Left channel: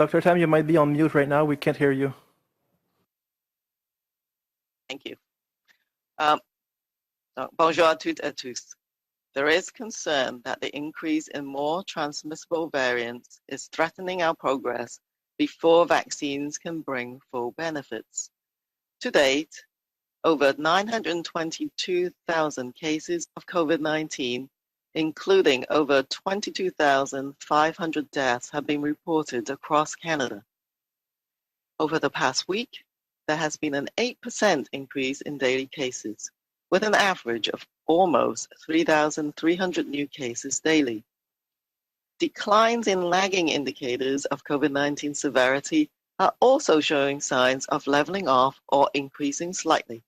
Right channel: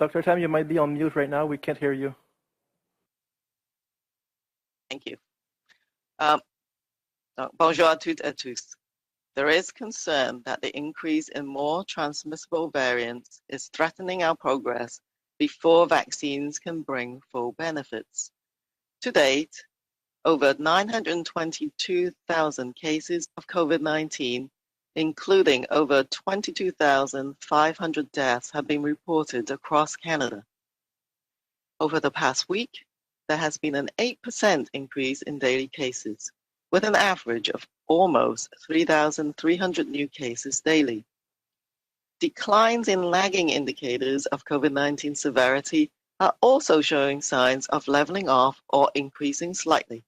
Dr. Tam, you might be on mute right now. We can't hear you. Thank you. Bonjour à toutes et à tous. There is concern that the increase in more transmissible variants is threatening our progress before vaccines can bring full benefits. To date, over 922,000 cases of COVID-19, including over 22,500 deaths, have been reported across Canada. Over the past week, there has been an 8% increase in daily cases, with an average of almost 3,300 new cases daily. Declines in lagging indicators of COVID-19 severity are also showing signs of leveling off or increasing slightly.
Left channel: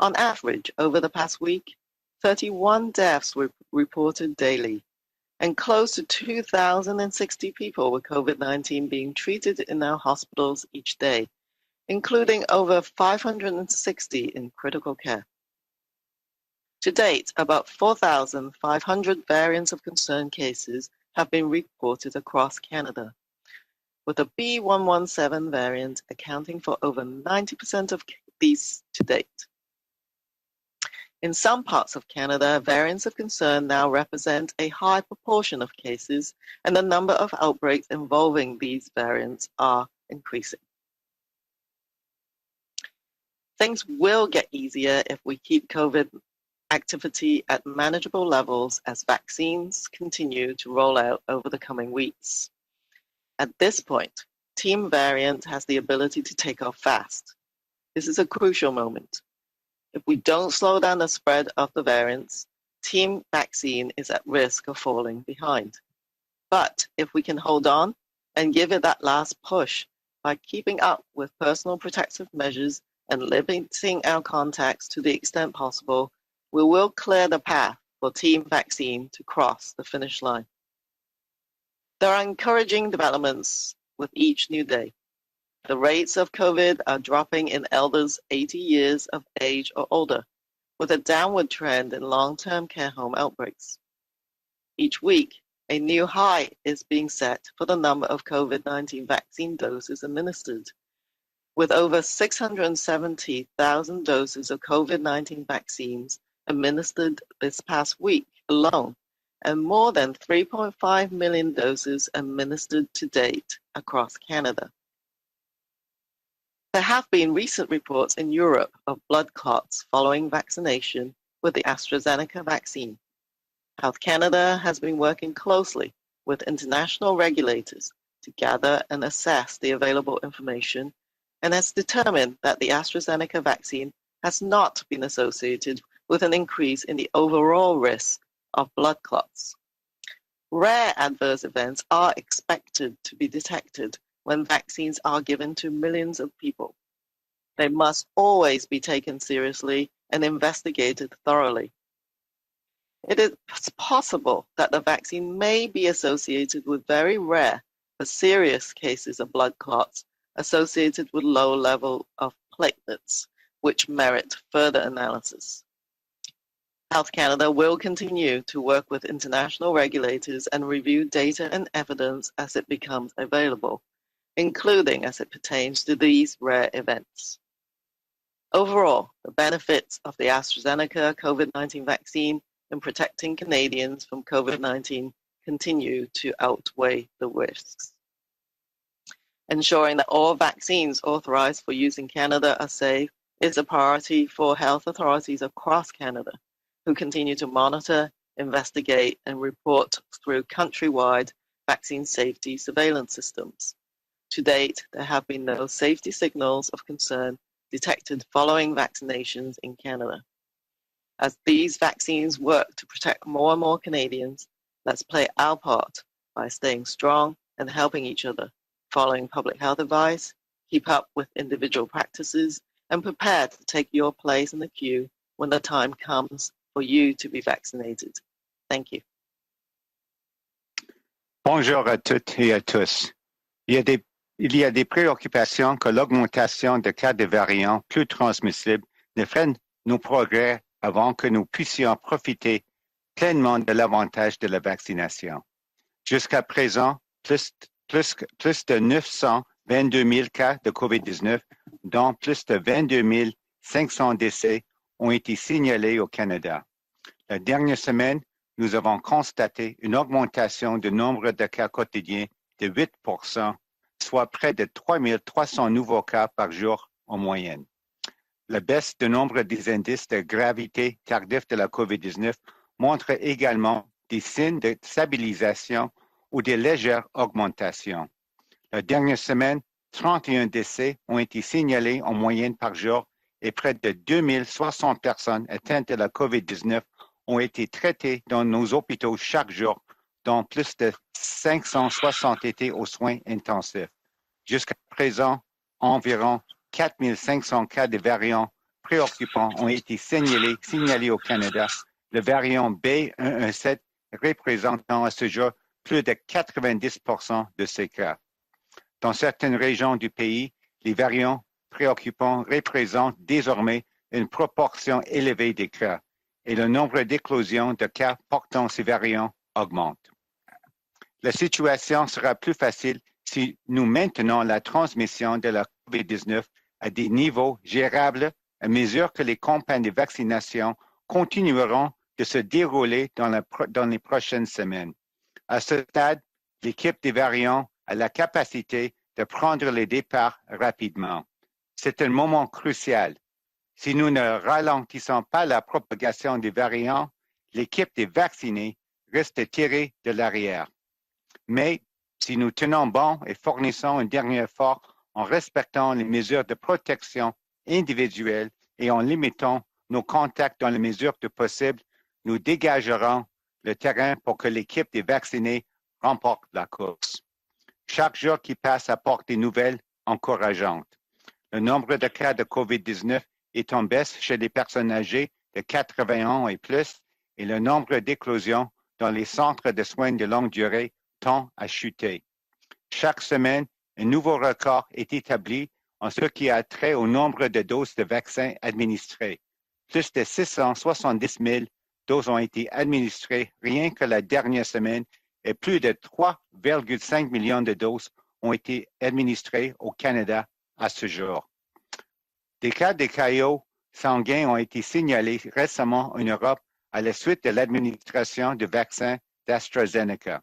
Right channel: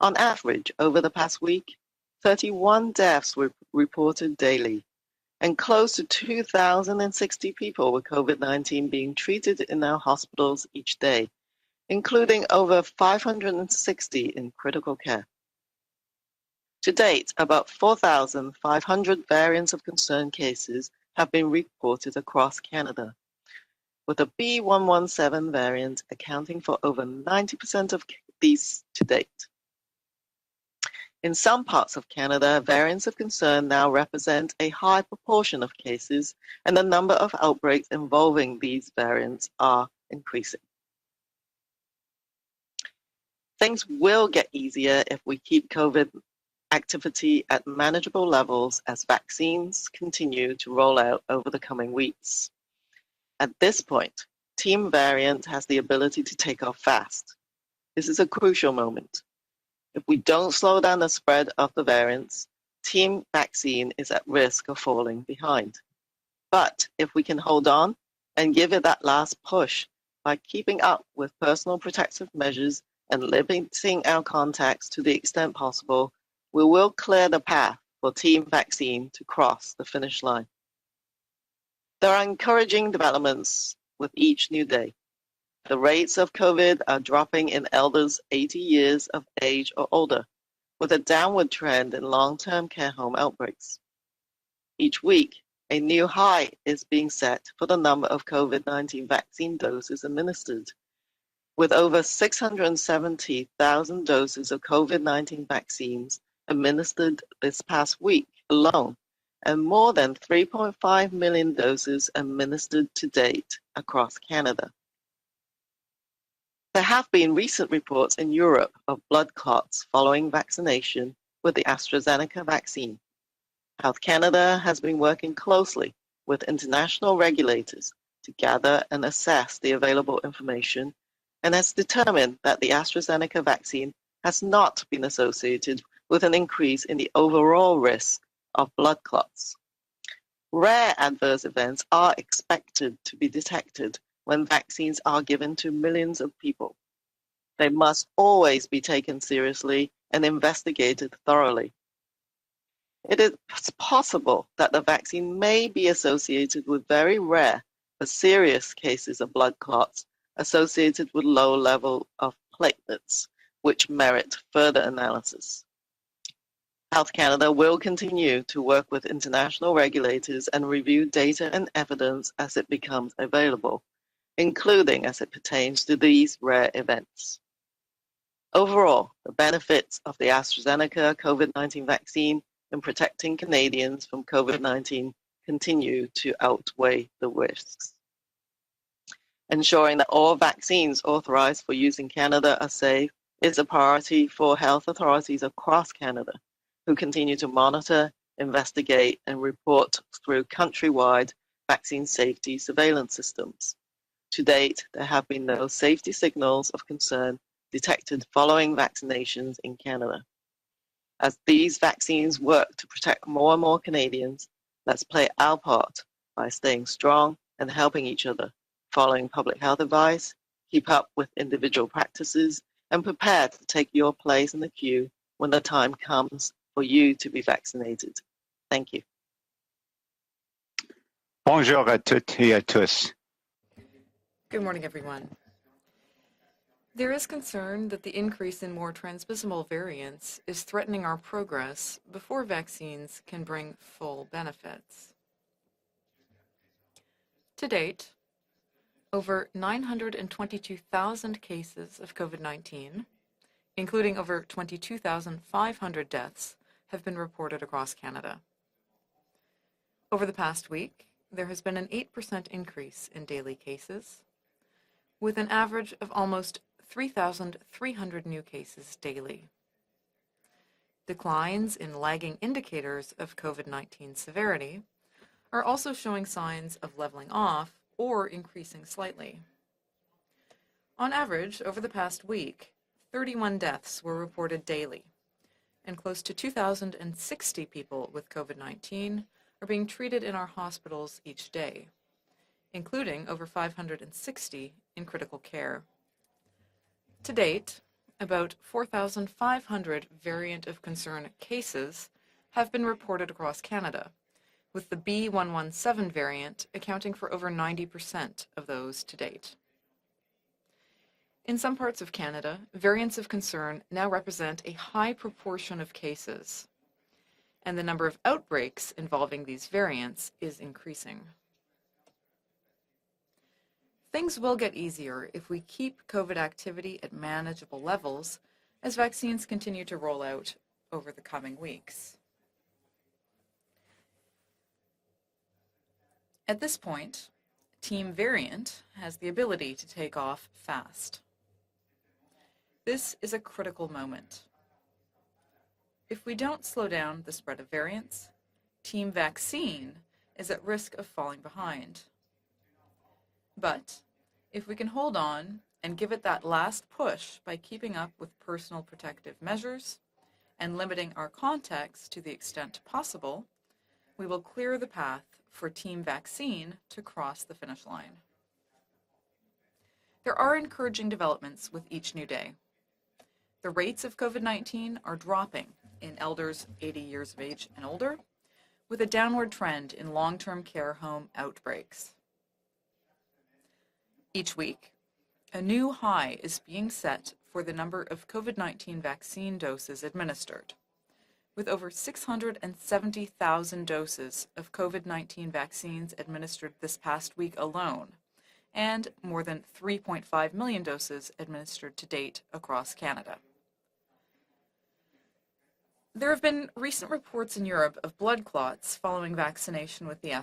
On average, over the past week, 31 deaths were reported daily, and close to 2,060 people with COVID-19 being treated in our hospitals each day, including over 560 in critical care. To date, about 4,500 variants of concern cases have been reported across Canada, with the B.1.1.7 variant accounting for over 90% of these to date. In some parts of Canada, variants of concern now represent a high proportion of cases, and the number of outbreaks involving these variants are increasing. Things will get easier if we keep COVID activity at manageable levels as vaccines continue to roll out over the coming weeks. At this point, Team Variant has the ability to take off fast. This is a crucial moment. If we don't slow down the spread of the variants, Team Vaccine is at risk of falling behind. But if we can hold on and give it that last push by keeping up with personal protective measures and limiting our contacts to the extent possible, we will clear the path for Team Vaccine to cross the finish line. There are encouraging developments with each new day. The rates of COVID are dropping in elders 80 years of age or older, with a downward trend in long-term care home outbreaks. Each week, a new high is being set for the number of COVID-19 vaccine doses administered, with over 670,000 doses of COVID-19 vaccines administered this past week alone, and more than 3.5 million doses administered to date across Canada. There have been recent reports in Europe of blood clots following vaccination with the AstraZeneca vaccine. Health Canada has been working closely with international regulators to gather and assess the available information, and has determined that the AstraZeneca vaccine has not been associated with an increase in the overall risk of blood clots. Rare adverse events are expected to be detected when vaccines are given to millions of people. They must always be taken seriously and investigated thoroughly. It is possible that the vaccine may be associated with very rare but serious cases of blood clots associated with low level of platelets, which merit further analysis. Health Canada will continue to work with international regulators and review data and evidence as it becomes available, including as it pertains to these rare events. Overall, the benefits of the AstraZeneca COVID-19 vaccine in protecting Canadians from COVID-19 continue to outweigh the risks. Ensuring that all vaccines authorized for use in Canada are safe is a priority for health authorities across Canada, who continue to monitor, investigate, and report through countrywide vaccine safety surveillance systems. To date, there have been no safety signals of concern detected following vaccinations in Canada. As these vaccines work to protect more and more Canadians, let's play our part by staying strong and helping each other, following public health advice, keep up with individual practices, and prepare to take your place in the queue when the time comes for you to be vaccinated. Thank you. Bonjour à toutes et à tous. Il y a des préoccupations que l'augmentation de cas de variants plus transmissibles ne freine nos progrès avant que nous puissions profiter pleinement de l'avantage de la vaccination. Jusqu'à présent, plus de 922 000 cas de COVID-19, dont plus de 22 500 décès ont été signalés au Canada. La dernière semaine, nous avons constaté une augmentation du nombre de cas quotidiens de 8 soit près de 3 300 nouveaux cas par jour en moyenne. La baisse du nombre des indices de gravité tardif de la COVID-19 montre également des signes de stabilisation ou de légères augmentations. La dernière semaine, 31 décès ont été signalés en moyenne par jour et près de 2060 personnes atteintes de la COVID-19 ont été traitées dans nos hôpitaux chaque jour, dont plus de 560 étaient aux soins intensifs. Jusqu'à présent, environ 4 500 cas de variants préoccupants ont été signalés au Canada. Le variant B117 représentant à ce jour plus de 90 de ces cas. Dans certaines régions du pays, les variants préoccupants représentent désormais une proportion élevée des cas et le nombre d'éclosions de cas portant ces variants augmente. La situation sera plus facile si nous maintenons la transmission de la COVID-19 à des niveaux gérables à mesure que les campagnes de vaccination continueront de se dérouler dans les prochaines semaines. À ce stade, l'équipe des variants a la capacité de prendre les départs rapidement. C'est un moment crucial. Si nous ne ralentissons pas la propagation des variants, l'équipe des vaccinés risque de tirer de l'arrière. Mais si nous tenons bon et fournissons un dernier effort en respectant les mesures de protection individuelles et en limitant nos contacts dans la mesure du possible, nous dégagerons le terrain pour que l'équipe des vaccinés remporte la course. Chaque jour qui passe apporte des nouvelles encourageantes. Le nombre de cas de COVID-19 est en baisse chez les personnes âgées de 80 ans et plus, et le nombre d'éclosions dans les centres de soins de longue durée tend à chuter. Chaque semaine, un nouveau record est établi en ce qui a trait au nombre de doses de vaccins administrées. Plus de 670 000 doses ont été administrées rien que la dernière semaine et plus de 3,5 millions de doses ont été administrées au Canada à ce jour. Des cas d'écaillots sanguins ont été signalés récemment en Europe à la suite de l'administration du vaccin d'AstraZeneca.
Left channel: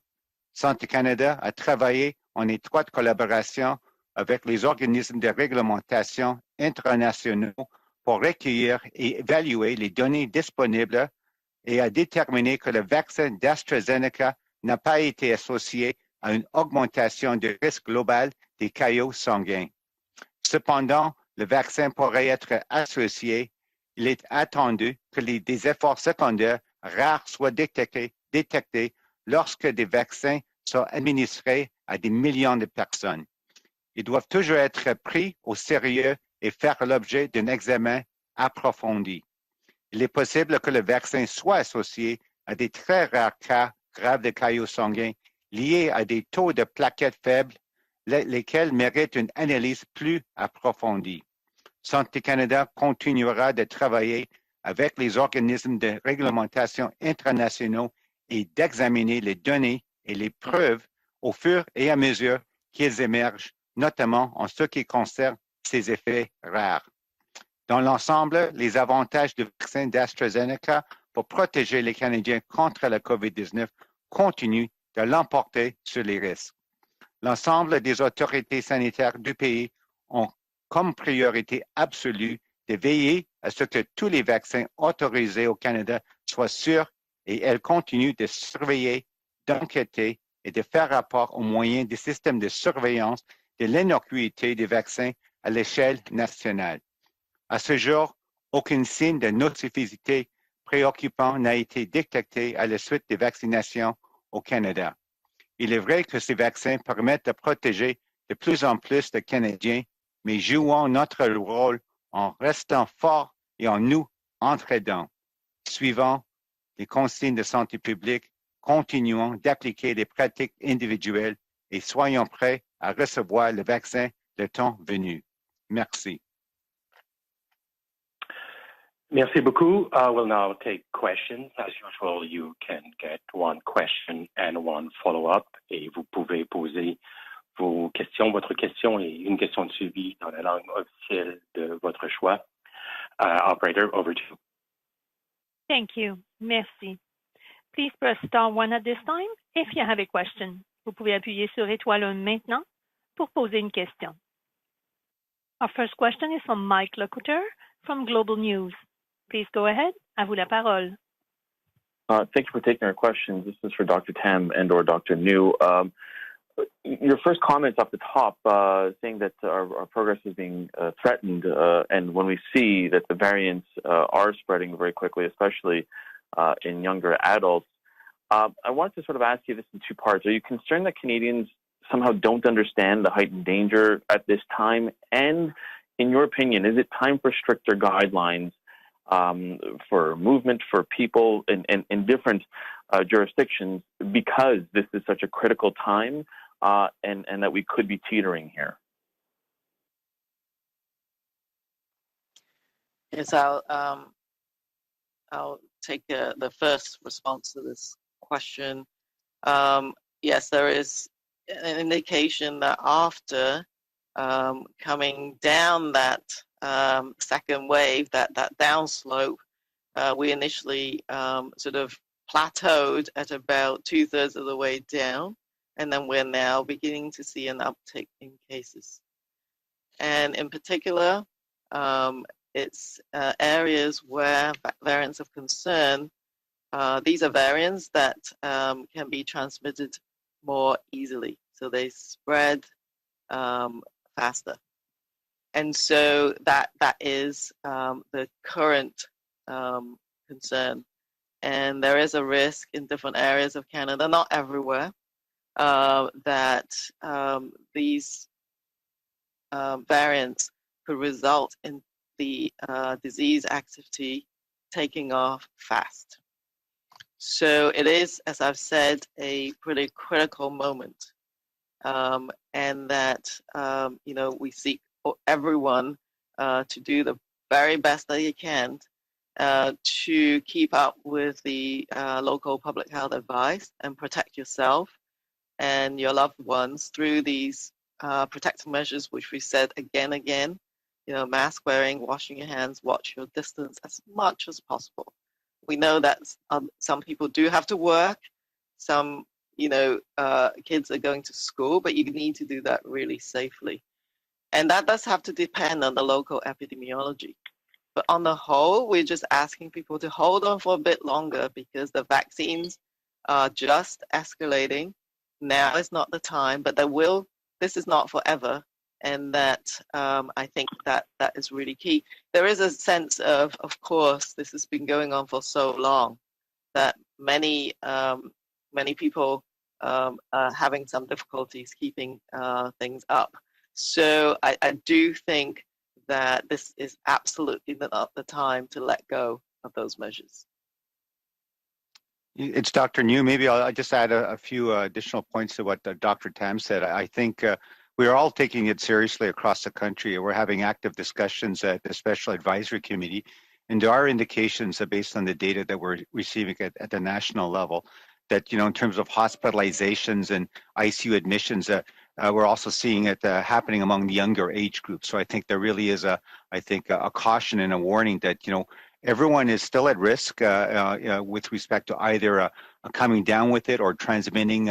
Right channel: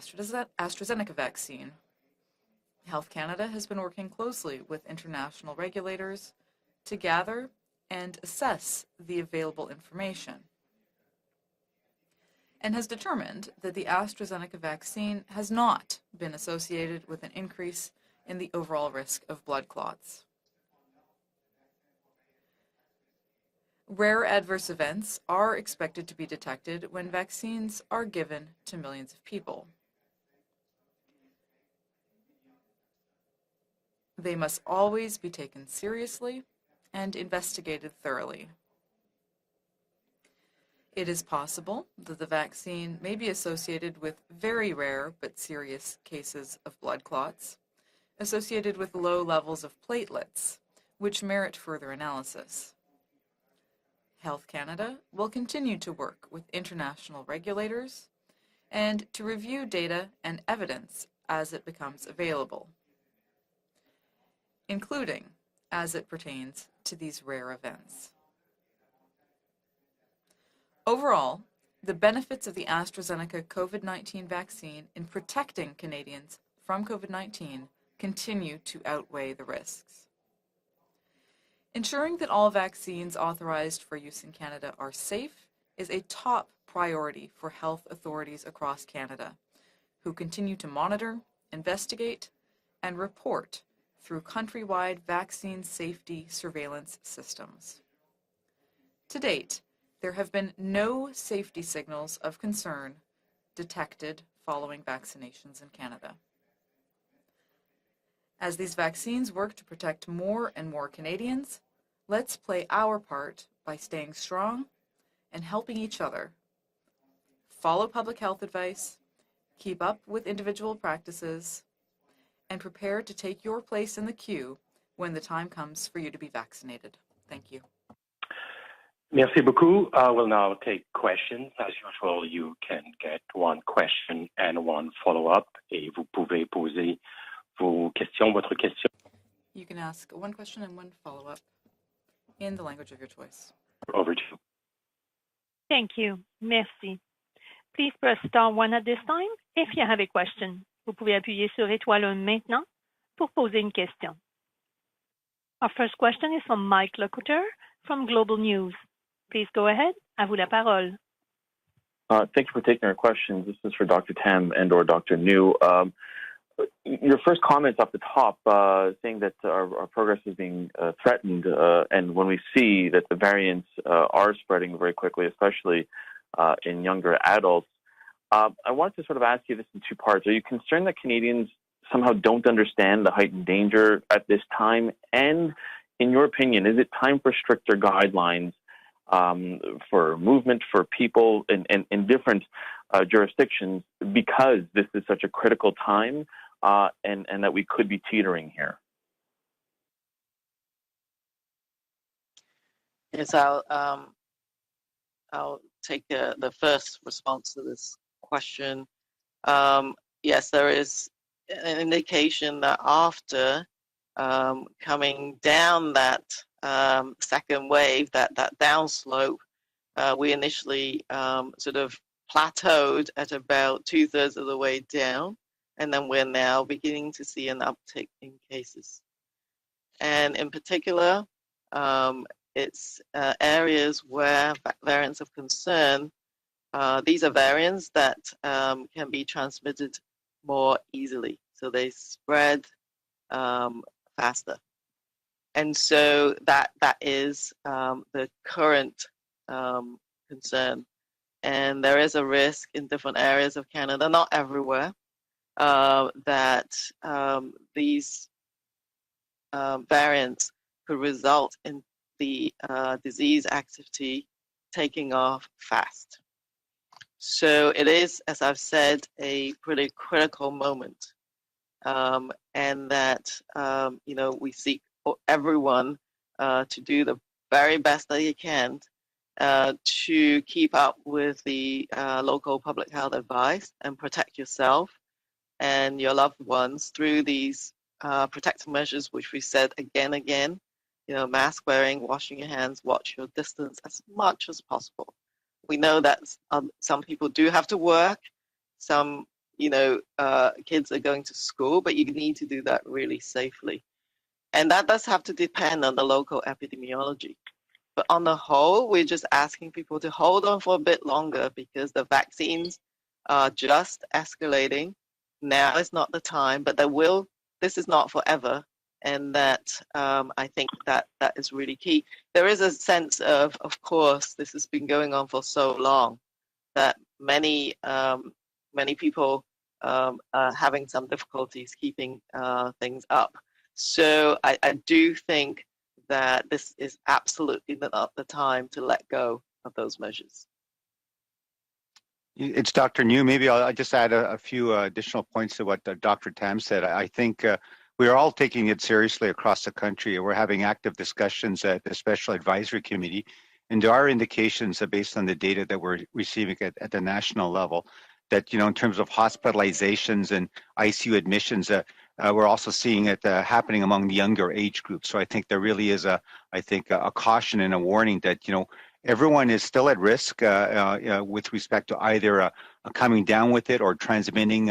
Santé Canada a travaillé en étroite collaboration avec les organismes de réglementation internationaux pour recueillir et évaluer les données disponibles et a déterminé que le vaccin d'AstraZeneca n'a pas été associé à une augmentation du risque global des caillots sanguins. Cependant, le vaccin pourrait être associé. Il est attendu que des efforts secondaires rares soient détectés lorsque des vaccins sont administrés à des millions de personnes. Ils doivent toujours être pris au sérieux et faire l'objet d'un examen approfondi. Il est possible que le vaccin soit associé à des très rares cas graves de caillots sanguins liés à des taux de plaquettes faibles, lesquels méritent une analyse plus approfondie. Santé Canada continuera de travailler avec les organismes de réglementation internationaux et d'examiner les données et les preuves au fur et à mesure qu'ils émergent, notamment en ce qui concerne ces effets rares. Dans l'ensemble, les avantages du vaccin d'AstraZeneca pour protéger les Canadiens contre la COVID-19 continuent de l'emporter sur les risques. L'ensemble des autorités sanitaires du pays ont comme priorité absolue de veiller à ce que tous les vaccins autorisés au Canada soient sûrs et elles continuent de surveiller, d'enquêter et de faire rapport aux moyens des systèmes de surveillance de l'innocuité des vaccins à l'échelle nationale. À ce jour, aucun signe de nocivité préoccupant n'a été détecté à la suite des vaccinations au Canada. Il est vrai que ces vaccins permettent de protéger de plus en plus de Canadiens, mais jouons notre rôle en restant forts et en nous entraidant. Suivant les consignes de santé publique, continuons d'appliquer des pratiques individuelles et soyons prêts à recevoir le vaccin le temps venu. Merci. Merci beaucoup. We'll now take questions. As usual, you can get one question and one follow-up, et vous pouvez poser vos questions, votre question et une question de suivi dans la langue officielle de votre choix. Operator, over to you. Thank you. Merci. Please press star 1 at this time if you have a question. Vous pouvez appuyer sur étoile 1 maintenant pour poser une question. Our first question is from Mike Lecouteur from Global News. Please go ahead. À vous la parole. Thank you for taking our questions. This is for Dr. Tam and or Dr. New. Your first comments off the top saying that our progress is being threatened, and when we see that the variants are spreading very quickly, especially in younger adults, I wanted to sort of ask you this in two parts. Are you concerned that Canadians somehow don't understand the heightened danger at this time? And in your opinion, is it time for stricter guidelines for movement for people in different jurisdictions, because this is such a critical time and that we could be teetering here? Yes, I'll take the first response to this question. Yes, there is an indication that after coming down that second wave, that downslope, we initially sort of plateaued at about 2/3 of the way down, and then we're now beginning to see an uptick in cases. And in particular, it's areas where variants of concern, these are variants that can be transmitted more easily, so they spread faster. And so that is the current concern. And there is a risk in different areas of Canada, not everywhere, that these variants could result in the disease activity taking off fast. So it is, as I've said, a pretty critical moment, and that we seek for everyone to do the very best that you can to keep up with the local public health advice and protect yourself and your loved ones through these protective measures, which we said again, mask wearing, washing your hands, watch your distance as much as possible. We know that some people do have to work, some kids are going to school, but you need to do that really safely. And that does have to depend on the local epidemiology. But on the whole, we're just asking people to hold on for a bit longer, because the vaccines are just escalating. Now is not the time, but this is not forever. And that I think that is really key. There is a sense of course, this has been going on for so long that many people are having some difficulties keeping things up. So I do think that this is absolutely not the time to let go of those measures. It's Dr. New. Maybe I'll just add a few additional points to what Dr. Tam said. I think we are all taking it seriously across the country. We're having active discussions at the Special Advisory Committee, and there are indications based on the data that we're receiving at the national level that, in terms of hospitalizations and ICU admissions, we're also seeing it happening among the younger age groups. So I think there really is a caution and a warning that, everyone is still at risk with respect to either coming down with it or transmitting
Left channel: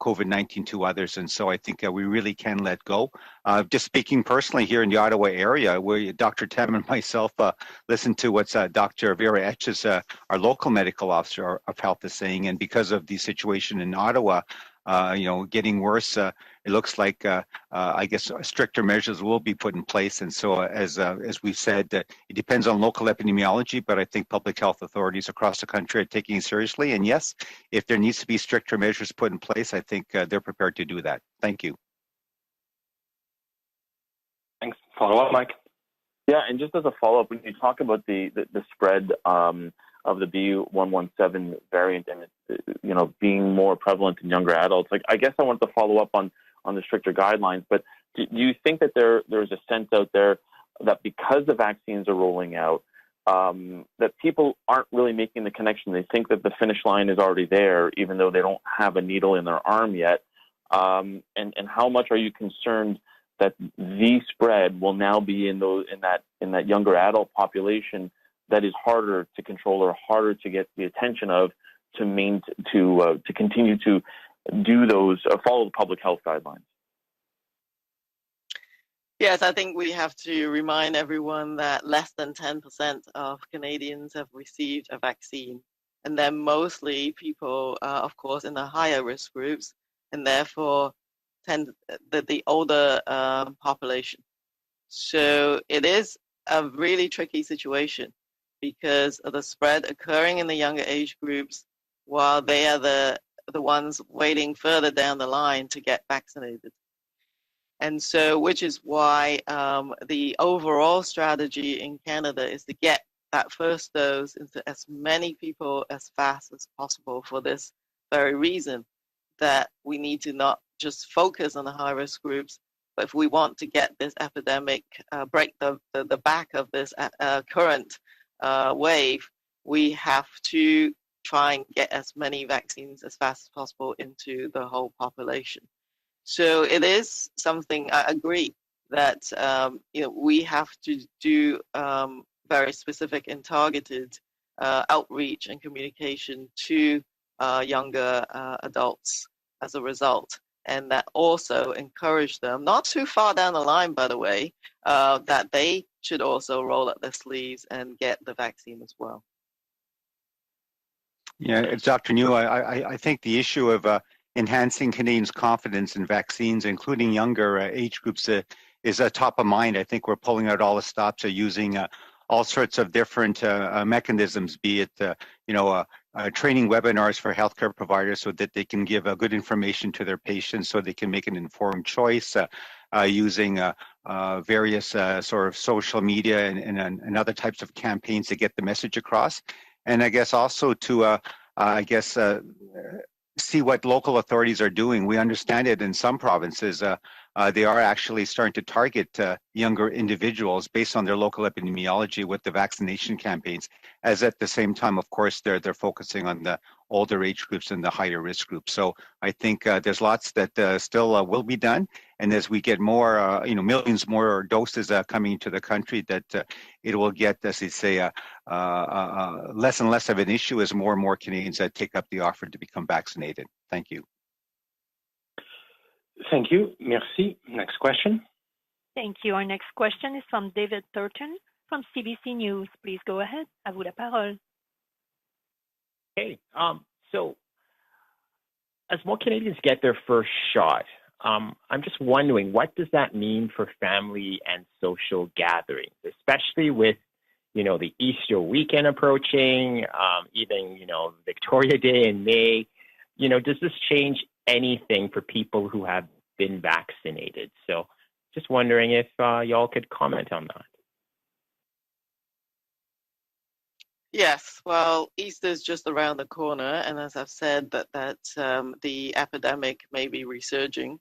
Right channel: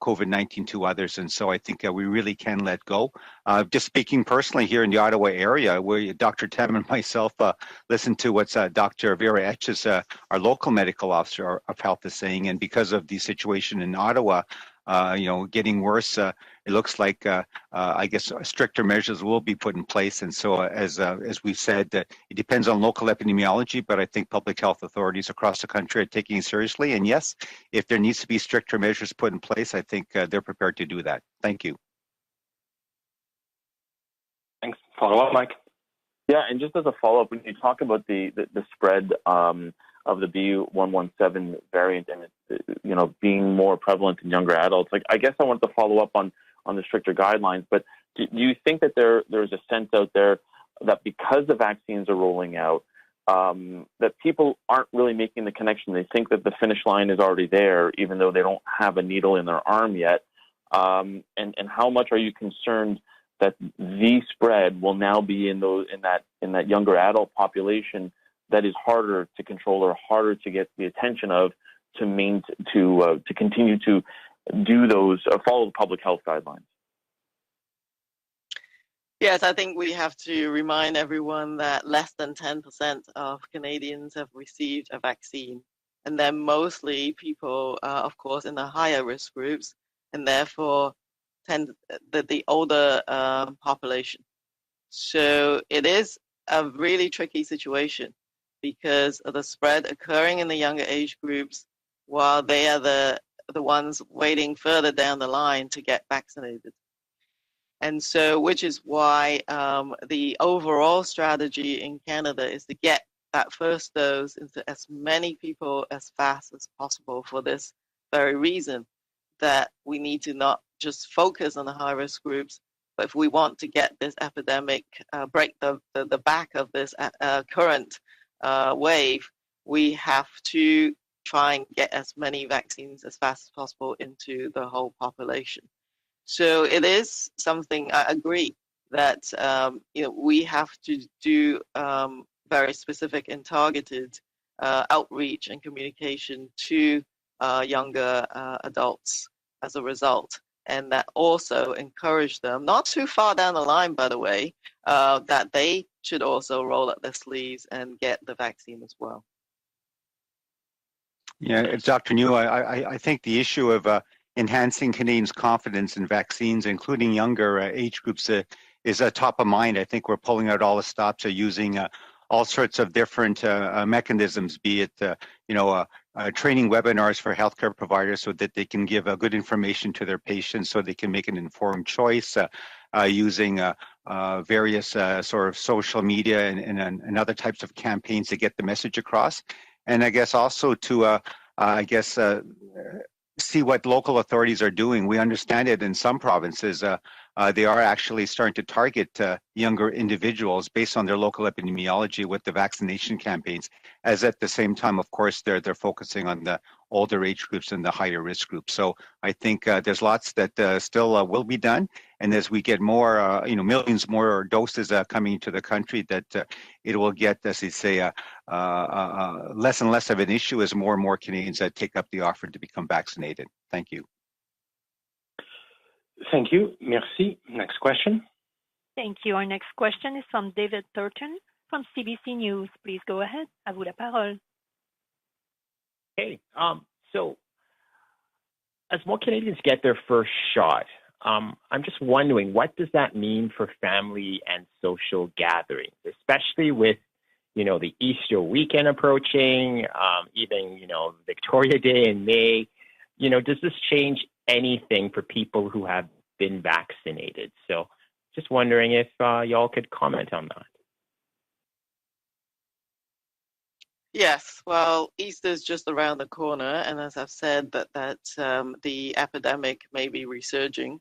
COVID-19 to others. And so I think we really can let go. Just speaking personally here in the Ottawa area, where Dr. Tam and myself listened to what Dr. Vera Etches, our local medical officer of health, is saying. And because of the situation in Ottawa, getting worse, it looks like, I guess, stricter measures will be put in place. And so, as we've said, it depends on local epidemiology, but I think public health authorities across the country are taking it seriously. And yes, if there needs to be stricter measures put in place, I think they're prepared to do that. Thank you. Thanks. Follow-up, Mike? Yeah, and just as a follow-up, when you talk about the spread of the B117 variant and being more prevalent in younger adults, I guess I want to follow up on the stricter guidelines. But do you think that there's a sense out there that because the vaccines are rolling out, that people aren't really making the connection. They think that the finish line is already there, even though they don't have a needle in their arm yet. And how much are you concerned that the spread will now be in that younger adult population that is harder to control or harder to get the attention of to continue to do those follow the public health guidelines? Yes, I think we have to remind everyone that less than 10% of Canadians have received a vaccine, and they're mostly people, of course, in the higher risk groups, and therefore the older population. So it is a really tricky situation because of the spread occurring in the younger age groups, while they are the ones waiting further down the line to get vaccinated. And so, which is why the overall strategy in Canada is to get that first dose into as many people as fast as possible for this very reason, that we need to not just focus on the high-risk groups, but if we want to get this epidemic, break the back of this current wave, we have to try and get as many vaccines as fast as possible into the whole population. So it is something, I agree, that we have to do very specific and targeted outreach and communication to younger adults as a result, and that also encourage them, not too far down the line, by the way, that they should also roll up their sleeves and get the vaccine as well. Yeah, Dr. New, I think the issue of enhancing Canadians' confidence in vaccines, including younger age groups, is top of mind. I think we're pulling out all the stops, using all sorts of different mechanisms, be it training webinars for healthcare providers so that they can give good information to their patients so they can make an informed choice, using various sort of social media and other types of campaigns to get the message across. And I guess also to, see what local authorities are doing. We understand it in some provinces, they are actually starting to target younger individuals based on their local epidemiology with the vaccination campaigns, as at the same time, of course, they're focusing on the older age groups and the higher risk groups. So I think there's lots that still will be done. And as we get more, millions more doses coming to the country, that it will get, as they say, less and less of an issue as more and more Canadians take up the offer to become vaccinated. Thank you. Thank you. Merci. Next question. Thank you. Our next question is from David Thornton from CBC News. Please go ahead. À vous la parole. Hey, so as more Canadians get their first shot, I'm just wondering, what does that mean for family and social gatherings, especially with, the Easter weekend approaching, even, Victoria Day in May? Does this change anything for people who have been vaccinated? So just wondering if y'all could comment on that. Yes, well, Easter is just around the corner, and as I've said, that the epidemic may be resurging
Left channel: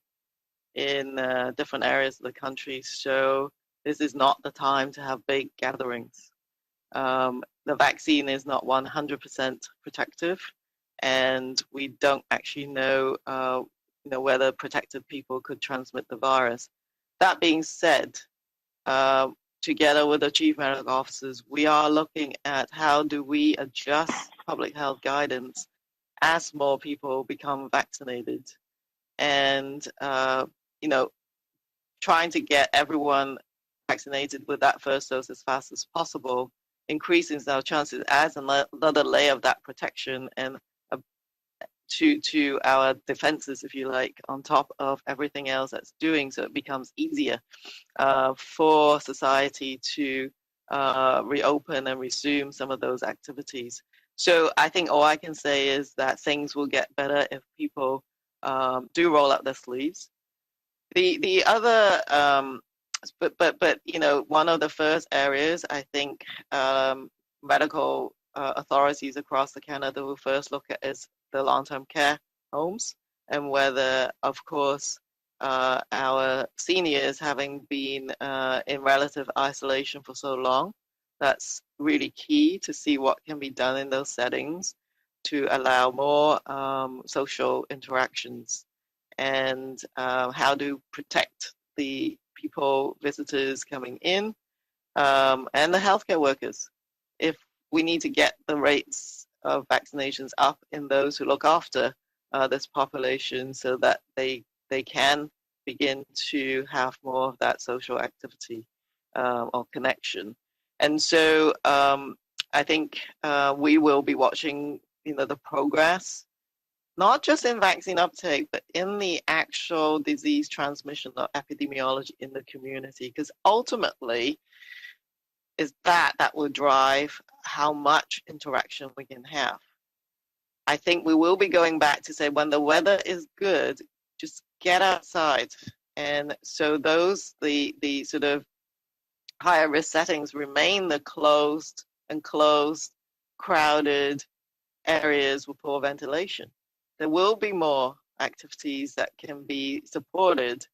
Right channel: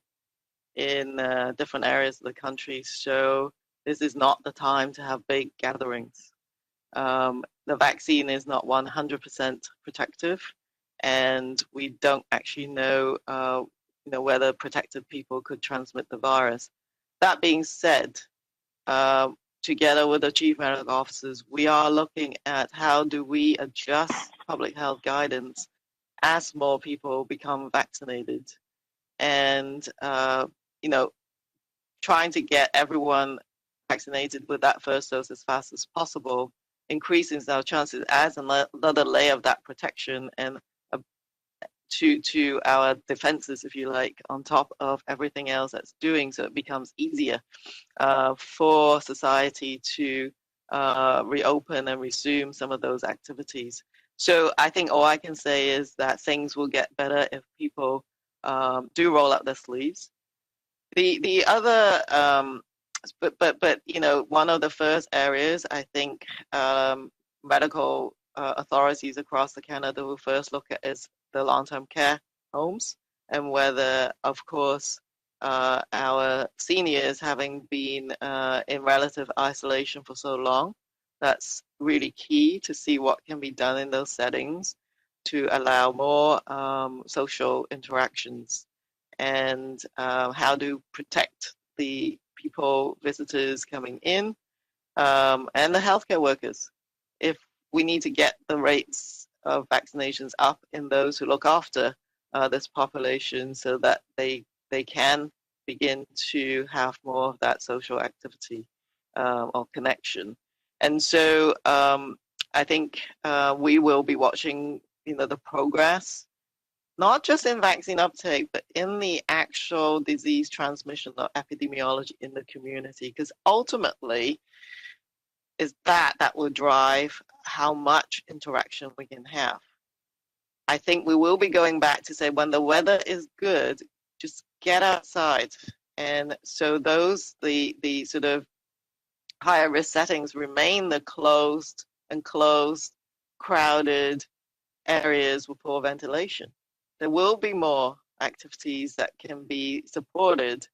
in different areas of the country, so this is not the time to have big gatherings. The vaccine is not 100% protective, and we don't actually know, whether protected people could transmit the virus. That being said, together with the Chief Medical Officers, we are looking at how do we adjust public health guidance as more people become vaccinated, and trying to get everyone vaccinated with that first dose as fast as possible increases our chances as another layer of that protection and to our defenses, if you like, on top of everything else that's doing, so it becomes easier for society to reopen and resume some of those activities. So I think all I can say is that things will get better if people do roll up their sleeves. The other, but one of the first areas I think medical authorities across Canada will first look at is the long-term care homes, and whether, of course, our seniors, having been in relative isolation for so long, That's really key to see what can be done in those settings to allow more social interactions and how to protect the people, visitors coming in, and the healthcare workers. If we need to get the rates of vaccinations up in those who look after this population so that they can begin to have more of that social activity or connection. And so I think we will be watching, the progress, not just in vaccine uptake, but in the actual disease transmission or epidemiology in the community, because ultimately is that will drive how much interaction we can have. I think we will be going back to say when the weather is good, just get outside. And so those, the sort of higher risk settings remain the closed, crowded areas with poor ventilation. There will be more activities that can be supported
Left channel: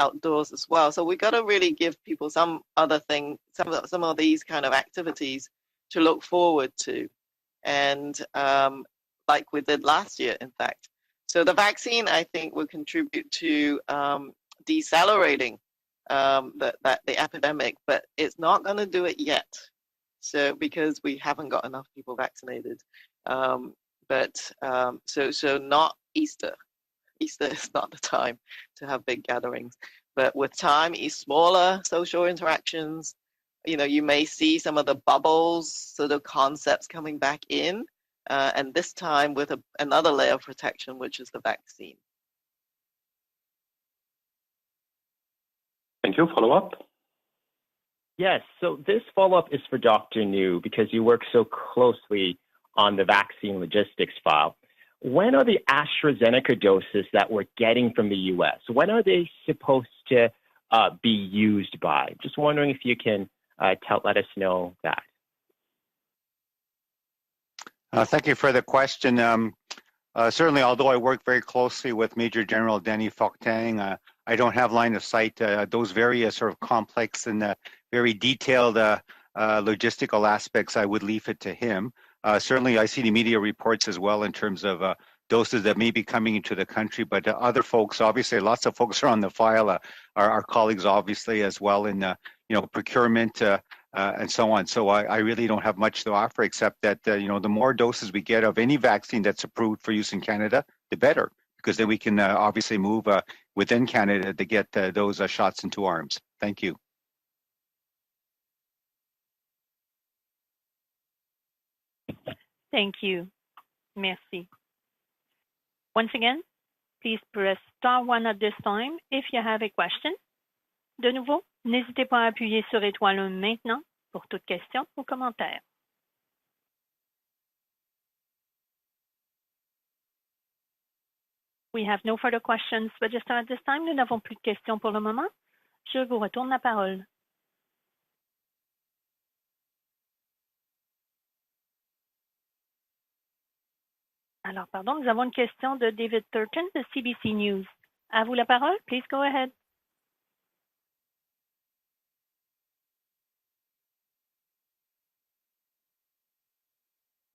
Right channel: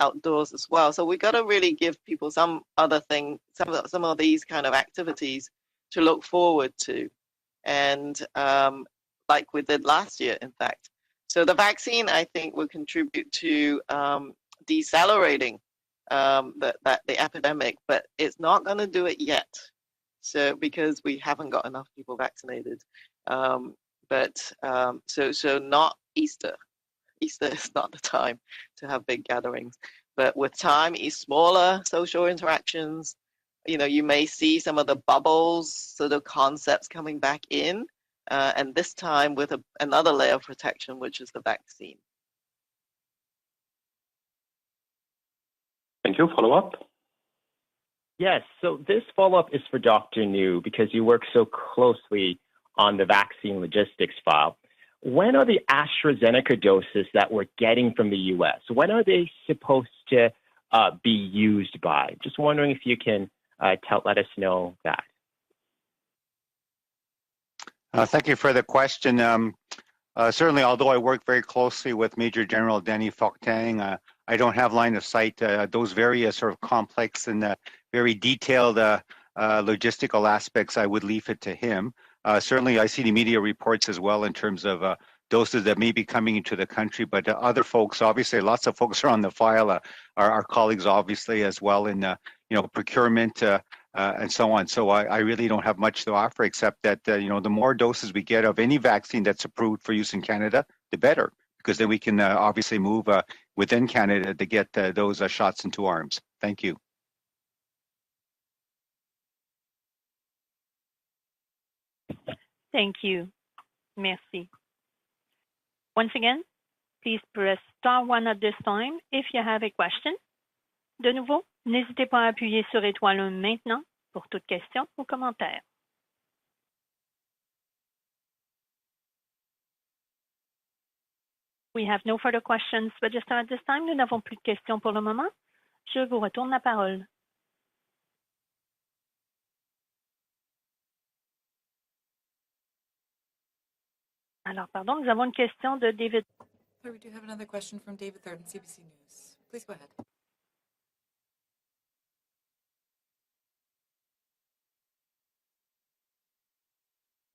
outdoors as well. So we got to really give people some other thing, some of these kind of activities to look forward to, and like we did last year, in fact. So the vaccine, I think, will contribute to decelerating the epidemic, but it's not going to do it yet. So because we haven't got enough people vaccinated, so not Easter. Easter is not the time to have big gatherings, but with time, smaller social interactions. You may see some of the bubbles, sort of concepts coming back in, and this time with another layer of protection, which is the vaccine. Thank you. Follow up? Yes, so this follow-up is for Dr. New because you work so closely on the vaccine logistics file. When are the AstraZeneca doses that we're getting from the U.S., when are they supposed to be used by? Just wondering if you can let us know that. Thank you for the question. Certainly, although I work very closely with Major General Danny Fortin, I don't have line of sight. Those various sort of complex and very detailed logistical aspects, I would leave it to him. Certainly, I see the media reports as well in terms of doses that may be coming into the country, but other folks, obviously, lots of folks are on the file, our colleagues, obviously, as well in procurement and so on. So I really don't have much to offer except that the more doses we get of any vaccine that's approved for use in Canada, the better, because then we can obviously move within Canada to get those shots into arms. Thank you. Thank you. Merci. Once again, please press star 1 at this time if you have a question. De nouveau, n'hésitez pas à appuyer sur étoile 1 maintenant pour toute question ou commentaire. We have no further questions registered at this time. Nous n'avons plus de questions pour le moment. Je vous retourne la parole. Alors, pardon, nous avons une question de David Turton de CBC News. À vous la parole. Please go ahead.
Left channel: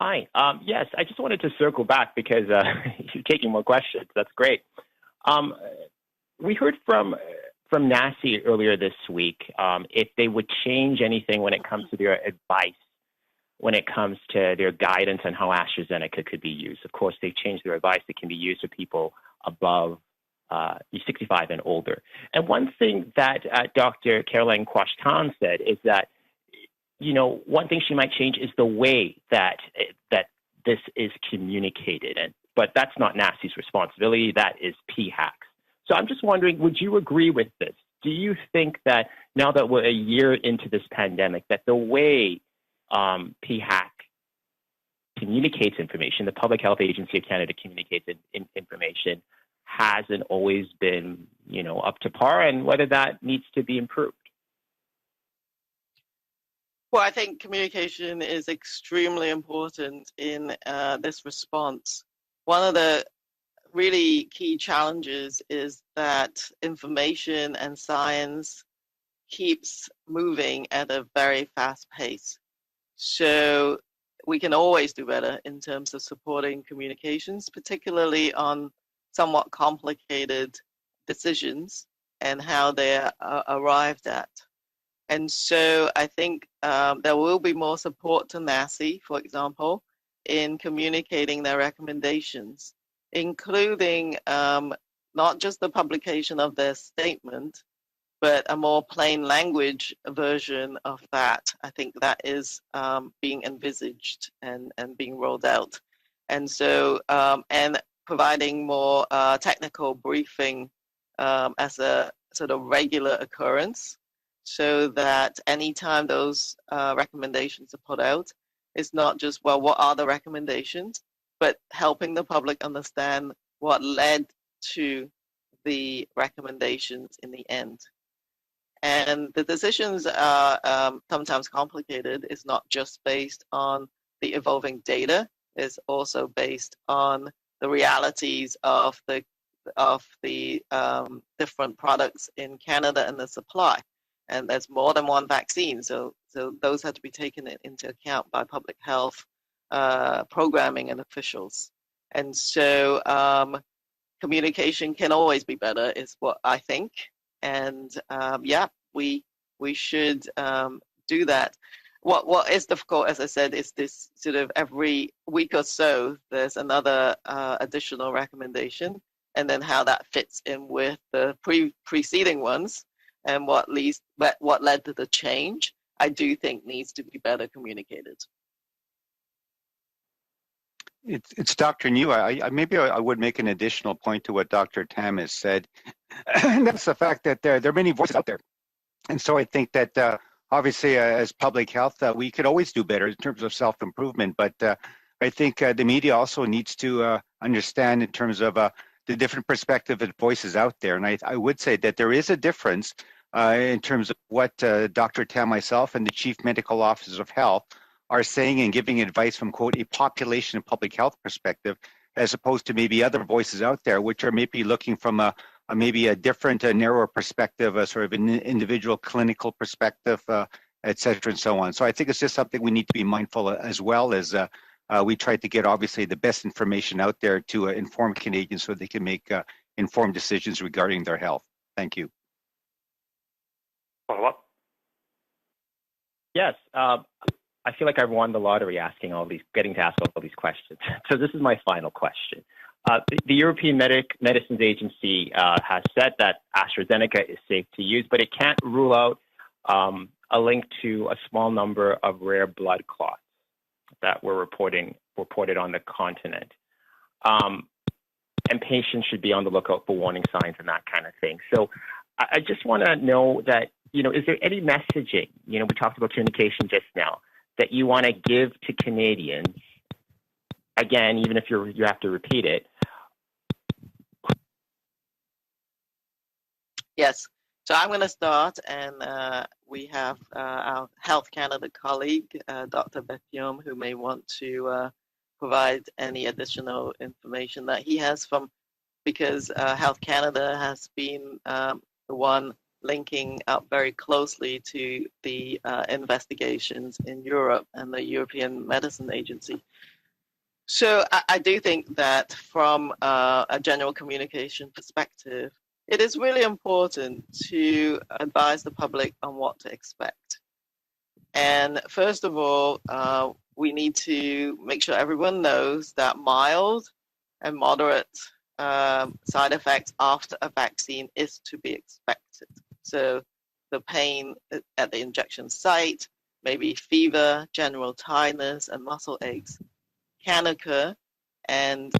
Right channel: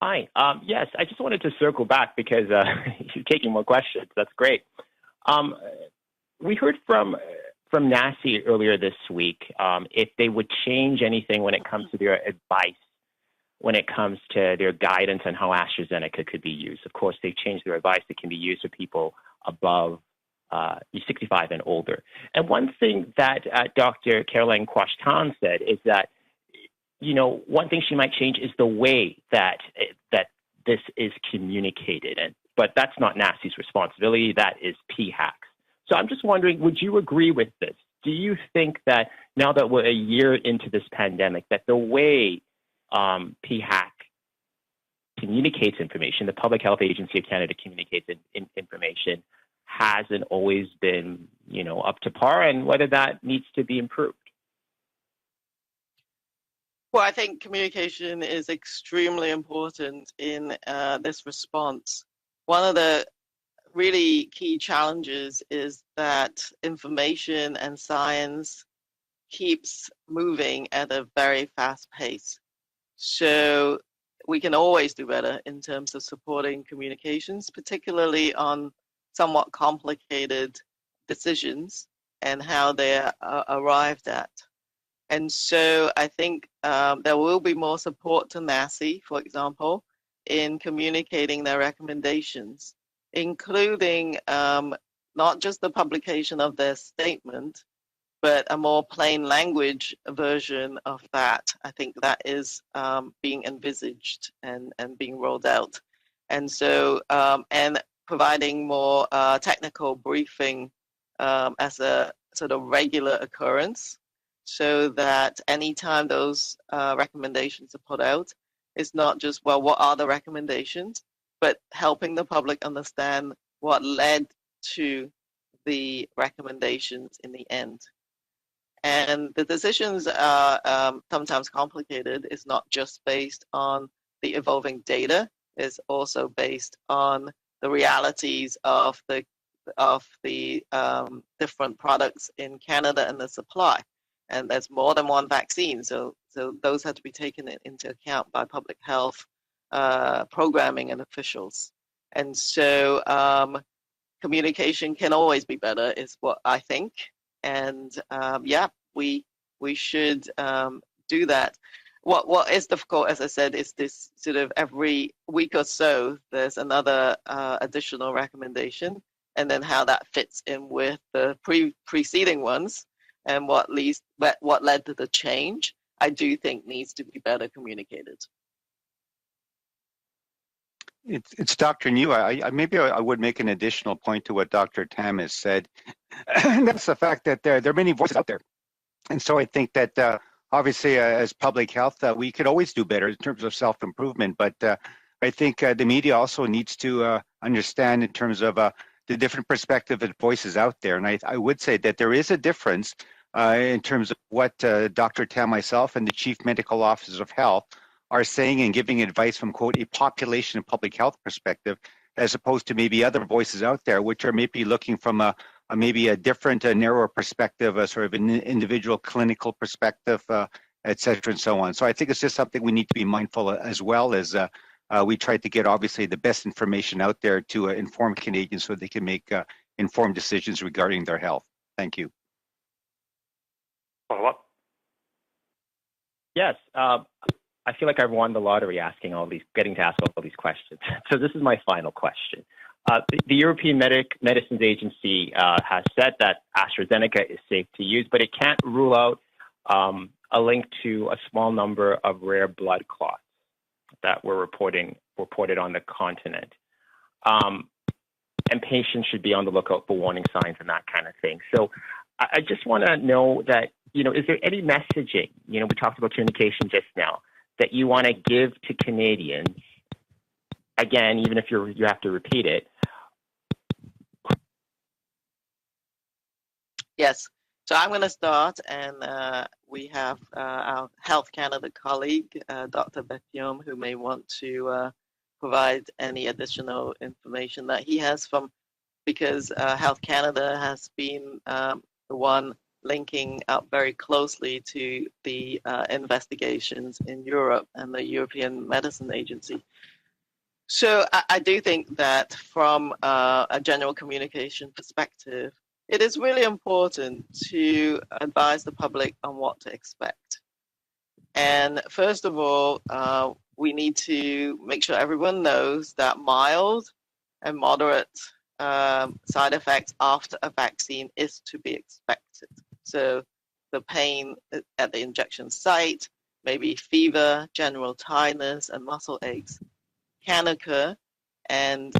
Hi. Yes, I just wanted to circle back because you're taking more questions. That's great. We heard from NACI earlier this week if they would change anything when it comes to their advice, when it comes to their guidance on how AstraZeneca could be used. Of course, they've changed their advice. It can be used for people above 65 and older. And one thing that Dr. Caroline Quashtan said is that, one thing she might change is the way that this is communicated. But that's not NACI's responsibility. That is PHAC's. So I'm just wondering, would you agree with this? Do you think that now that we're a year into this pandemic, that the way PHAC communicates information, the Public Health Agency of Canada communicates information, hasn't always been, up to par, and whether that needs to be improved? Well, I think communication is extremely important in this response. One of the really key challenges is that information and science keeps moving at a very fast pace. So we can always do better in terms of supporting communications, particularly on somewhat complicated decisions and how they are arrived at. And so I think there will be more support to NACI, for example, in communicating their recommendations, including not just the publication of their statement, but a more plain language version of that. I think that is being envisaged and being rolled out. And so, and providing more technical briefing as a sort of regular occurrence, so that anytime those recommendations are put out, it's not just, well, what are the recommendations, but helping the public understand what led to the recommendations in the end. And the decisions are sometimes complicated. It's not just based on the evolving data. It's also based on the realities of the different products in Canada and the supply. And there's more than one vaccine, so those have to be taken into account by public health programming and officials. And so communication can always be better, is what I think. And yeah, we should do that. What is difficult, as I said, is this sort of every week or so there's another additional recommendation, and then how that fits in with the preceding ones and what led to the change, I do think needs to be better communicated. It's Dr. New. Maybe I would make an additional point to what Dr. Tam has said. And that's the fact that there are many voices out there. And so I think that obviously as public health, we can always do better in terms of self-improvement. But I think the media also needs to understand in terms of the different perspective and voices out there. And I would say that there is a difference in terms of what Dr. Tam, myself, and the Chief Medical Officer of Health are saying and giving advice from, quote, a population and public health perspective, as opposed to maybe other voices out there, which are maybe looking from maybe a different, narrower perspective, a sort of an individual clinical perspective, et cetera, and so on. So I think it's just something we need to be mindful of, as well as we try to get, obviously, the best information out there to inform Canadians so they can make informed decisions regarding their health. Thank you. Follow-up? Yes. I feel like I've won the lottery getting to ask all these questions. So this is my final question. The European Medicines Agency has said that AstraZeneca is safe to use, but it can't rule out a link to a small number of rare blood clots that were reported on the continent. And patients should be on the lookout for warning signs and that kind of thing. So I just want to know that, is there any messaging, we talked about communication just now, that you want to give to Canadians, again, even if you have to repeat it? Yes. So I'm going to start, and we have our Health Canada colleague, Dr. Bethium, who may want to provide any additional information that he has because Health Canada has been the one linking up very closely to the investigations in Europe and the European Medicine Agency. So I do think that from a general communication perspective, it is really important to advise the public on what to expect. And first of all, we need to make sure everyone knows that mild and moderate side effects after a vaccine is to be expected. So the pain at the injection site, maybe fever, general tiredness, and muscle aches can occur and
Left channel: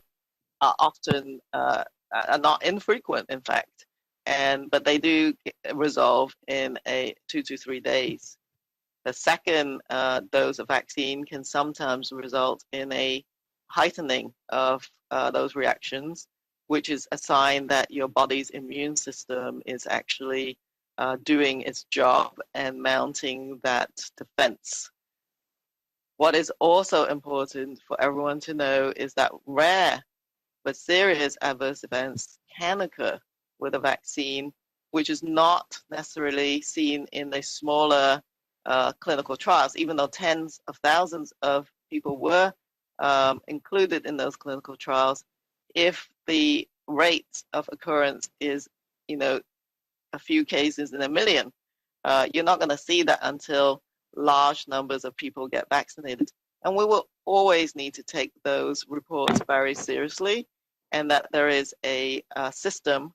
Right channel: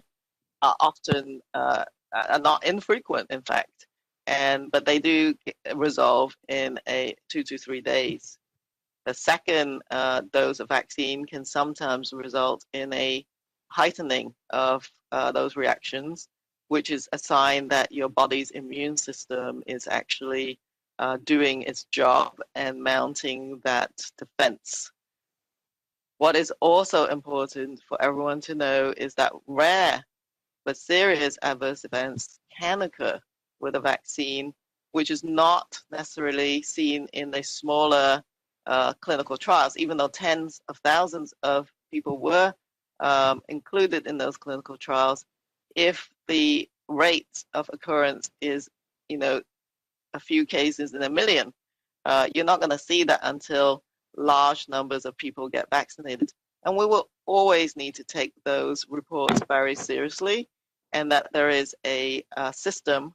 are often are not infrequent, in fact, but they do resolve in 2 to 3 days. The second dose of vaccine can sometimes result in a heightening of those reactions, which is a sign that your body's immune system is actually doing its job and mounting that defense. What is also important for everyone to know is that rare but serious adverse events can occur with a vaccine which is not necessarily seen in the smaller clinical trials, even though tens of thousands of people were included in those clinical trials. If the rate of occurrence is, a few cases in a million, you're not going to see that until large numbers of people get vaccinated. And we will always need to take those reports very seriously, and that there is a system